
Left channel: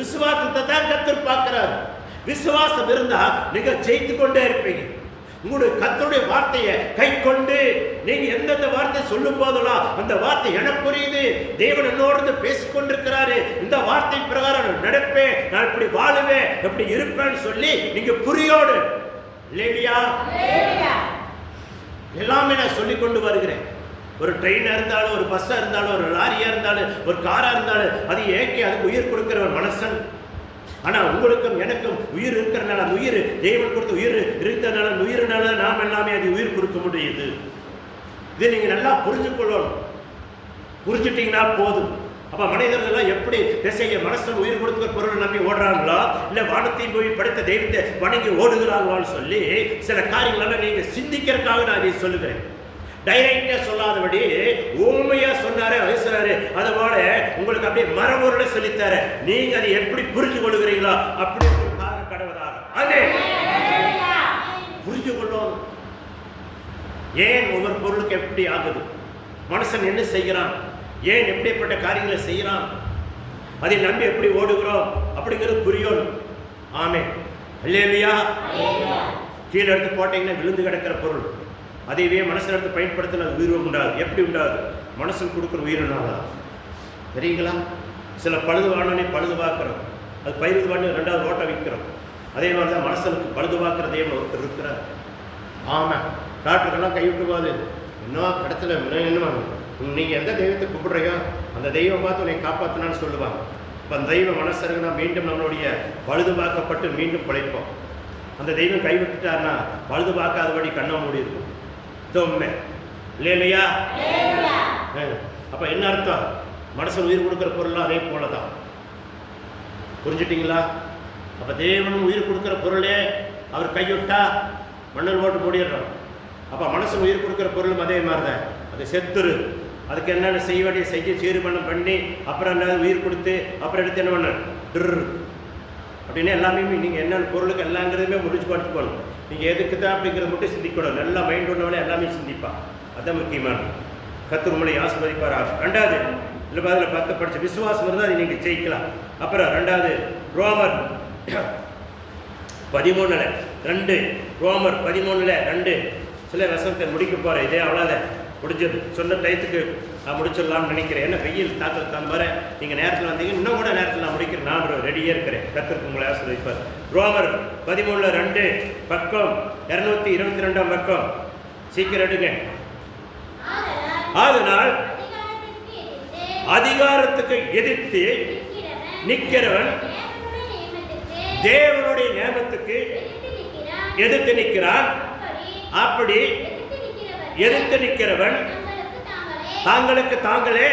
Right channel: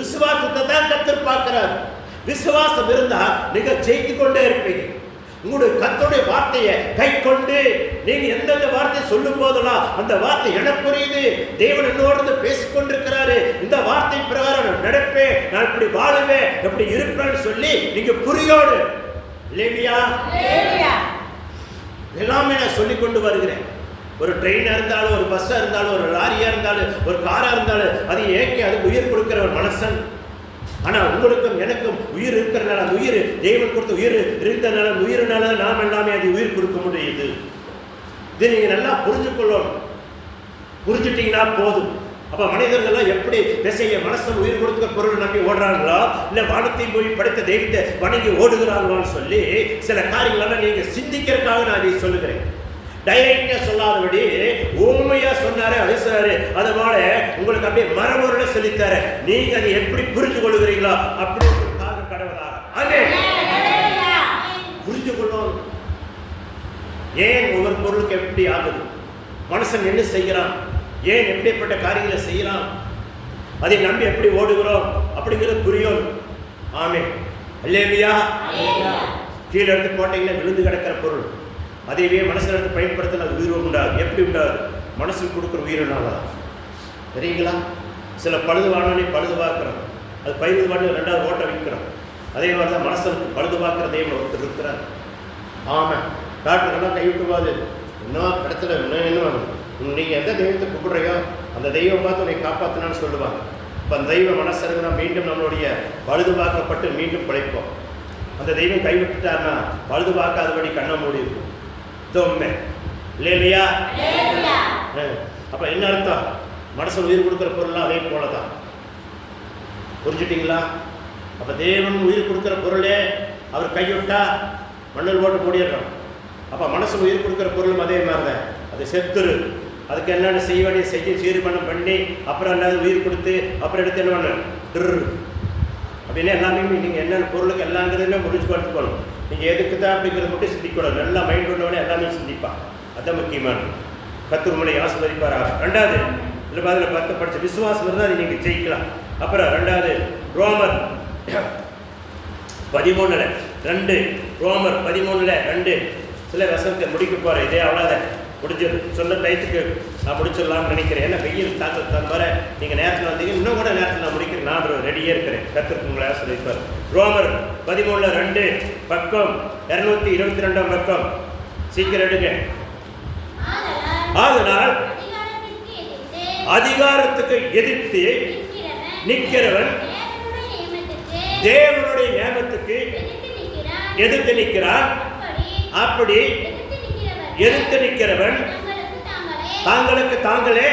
விசுவாசத்தை தான் கர்த்தர் பார்க்கிறார். விசுவாசம் இருந்தா நீங்க ஜெயித்து கொண்டே இருப்பீங்க. உங்களுடைய கர்த்தருடைய வார்த்தையை கை கொண்டு நீங்க எந்தெந்த வார்த்தை சொல்லும் போதெல்லாம் அந்த வார்த்தை எனக்கு புரியுது, தேவன் என்னோடு பேசிக்கொண்டிருக்கிறாரு, இந்த வார்த்தை பிரகாரம் நான் நடப்பேன், நான் இப்படி வாழுவேன், எப்படி இருப்பேன்னு சொல்லி நீங்க புரியோடு இல்லையா? எல்லாமே நான் சொல்லி கொண்டு வருகிறேன். ஒரு ட்ரெயினா இருந்தாலும், ஒரு பஸ்ஸா இருந்தாலும், ஒரு லாரியா இருந்தாலும், ஒரு காரா இருந்தாலும், அது ஏற்கே அதுக்கு உயிர் கொடுக்கிற ஒரு மனுஷன். ஆனா உங்களுக்கும் எனக்கும் உயிர் இருக்கிறனால, அந்த உயிர் தேவன் கொடுத்த உயிர் இருந்தனால, அந்த உயிரினால நாம் எல்லாமே அது உயிர் கொடுக்க முடியுது. இது நீங்க நல்லா புரிஞ்சுக்கொள்ளணும். புரிஞ்சுட்டீங்கன்னா போதும். அப்ப மனிதர்கள் எப்படி திசையை மனசன் உயிர் கொடுத்த பொருள் நம்பி ஓடுறாங்களா, இல்ல வானத்தையும் போய் படைத்த தெய்வத்தை வணங்கி ஓடுகிறார்களான்னு சொல்லி சில காரியங்களை நீங்க சிந்திக்கிறதுக்காக நான் இதை சொல்லுகிறேன். டைரக்டா சொல்லாதபடி உண்மையா சொன்னாரு பேசுறாரு. அதுபோல உங்களுக்கு அப்படியே மரபொருளை சொல்லித்தாரு. நீங்க அதை எப்படி புரிந்து கொள்ளுகிறீங்களா அப்படி கடவுளாக புரிந்து கொள்ளும். ஏன் ஒவ்வொரு பொருளுக்கு எப்படி ஆகுது, மனுஷன் என்ன செய்யறான், ஏன் எப்படிப்பட்ட காரியங்களை செய்யறான், அதை நம்பி எப்படி ஓடுகிறோம் அப்படிங்கிறது புரியும். ஆமே அல்லேலூயா. கீழே எடுத்து போட்டீங்கன்னா விழுந்து கிடக்கிற பொருள் அதையே மனசில் எடுத்து பயன்படுத்தின உயிர் உண்டாது. எப்படி உண்டாது? மனசுக்கு கொடுக்குற உயிரினால தெரியுங்களா? சில பழுது வாங்கி பழுது பார்க்குறோம், அது பழுது வாங்கி 2வது ஓட்டை விற்கிறோம். அதே மாதிரி தான் மனசனுக்கு பழுது பார்க்குற தெய்வம் ஒருத்தர் இருக்கிறார். ஆமாம், டாக்டர்லாம் கைவிட்டு போகாது. இன்னும் இடத்துல இன்னும் என்ன வாங்க, நீங்கள் எந்த தெய்வத்தை கூப்பிடுறையோ அந்த தெய்வம் பார்த்து உன்னை காப்பாற்றினான்னு சொல்லுவாங்க. இப்போ அந்த தெய்வ மனசருக்கு தான் மீண்டும் நம்மளுடைய பழுது பார்க்கப்பட்டு மீண்டும் பிழைப்போம். அந்த தெய்வம் கைவிட்டுட்டாருன்னா பழுது பார்க்காதபடி கண்ணை மூடி இருக்கும். உண்மை இல்லையா? அப்ப என்ன அர்த்தம்? மனசன் உயிர் கொடுக்கிற பொருள்லாம் அதே போலதான். புரிஞ்சுட்டீங்களா? அப்ப தேவன் உயிர் கொடுக்கிற பொருளே அவர் கைவிட்டா மண்ணில் ஓட்டு மூடிடுறோம். அப்ப மனசன் உயிர் கொடுக்கிற பொருளும் அதே மாதிரிதான். அது செத்துரு, அதுக்கு என்னென்ன செய்ய வேண்டிய செய்ய சீர்மணம் பண்ணி அப்புறம் என்ன உயிர் கொடுத்து அப்புறம் எடுத்து என்ன பண்ண அப்படின்னு எல்லாமே நீங்கள் என்னென்ன பொருளுக்கு எல்லாங்கிறதுமே முடிச்சு கொடுத்துக்கணும். நீங்கள் எதுக்கு தான் அப்படிங்கிறத மட்டும் சிந்திக்கூடாது. நல்லா மைண்ட் உள்ளவனே எல்லாமே சிந்திப்பான். அதுதான் முக்கியமான. கர்த்தர் உங்களை ஆசீர்வதிப்பார். 2வது இல்லை பாதில் 10 படித்த விசுவாசம் இருந்தால் அதை நீங்கள் ஜெயிக்கலாம். அப்புறம் 2வது ரோமர் 13:2 ரோமர் 13:2 சில வசனத்தை முடிக்க போகிறேன். இதே அவ்வளோதான் முடிஞ்சது. சொன்ன டயத்துக்கு நான் முடிச்சிடலாம்னு நினைக்கிறேன். ஏன்னா வெயில் தாக்கல் தன் மாதிரி நீங்கள் நேரத்தில் வந்தீங்க, இன்னும் கூட நேரத்தில் நான் முடிக்கிறேன். நான் ரெடியாக இருக்கிறேன். கர்த்தருக்கு உங்களை ஆசீர்வதிப்பார். ரோமர் 13:2 பக்கம் 222 பக்கம் சீக்கிரம் எடுங்க. அதனால் அதிகாரத்துக்கு எதிர்த்து நிற்கிறவன் தேவனுடைய நியமத்துக்கு எதிர்த்து நிற்கிறான். அப்படி எதிர்த்து நிற்கிறவன் தாங்களுக்கு தாங்களே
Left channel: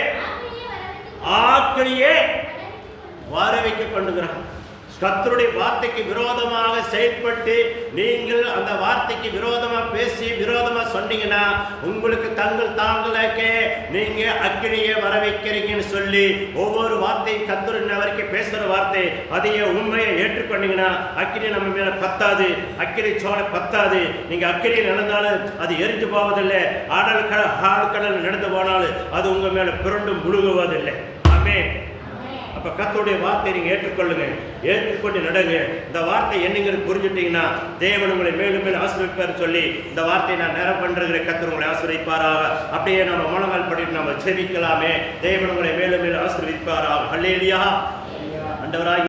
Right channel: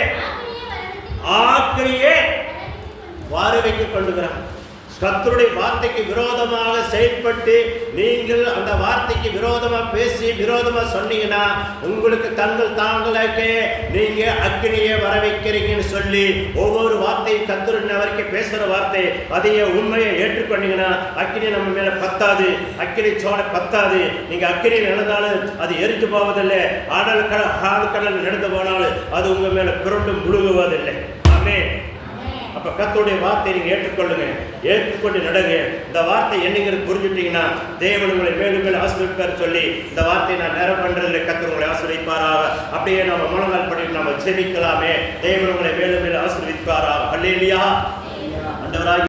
ஆக்கிரியே வார வைக்க கொண்டுகிறான். கர்த்தருடைய வார்த்தைக்கு விரோதமாக செயல்பட்டு நீங்கள் அந்த வார்த்தைக்கு விரோதமாக பேசி விரோதமாக சொன்னீங்கன்னா உங்களுக்கு தாங்களுக்கே நீங்க அக்கினியை வர வைக்கிறீங்கன்னு சொல்லி ஒவ்வொரு வார்த்தையும் கர்த்தர் வரைக்கும் பேசுகிற வார்த்தை அதையே உண்மையை ஏற்றுக்கொண்டீங்கன்னா அக்கினி நம்ம மேலே பத்தாது, அக்கினி சோலை பத்தாது. நீங்கள் அக்கினி நடந்தாலும் அது எரிஞ்சு போவதில்லை. ஆழ்கடல் நடந்து போனாலும் அது உங்கள் மேலே புரண்டும் முழுகுவதில்லை. ஆமே. அப்போ கர்த்தருடைய வார்த்தையை நீங்கள் ஏற்றுக்கொள்ளுங்க, ஏற்றுக்கொண்டு நடங்க. இந்த வார்த்தை என்னங்கிறது புரிஞ்சுட்டீங்கன்னா தேவன் உங்களை மேலும் மேலும் ஆசீர்வதிப்பார் சொல்லி இந்த வார்த்தையை நான் நேரம் பண்ணுறதுல கர்த்தர் உங்களை ஆசீர்வதிப்பாராக. அப்படியே நம்ம மனநாள் படி நம்ம ஜெபிக்கலாமே. தேவன் உங்களை மேலும் மேலும் ஆசீர்வதிப்பாராக. அல்லேலூயா.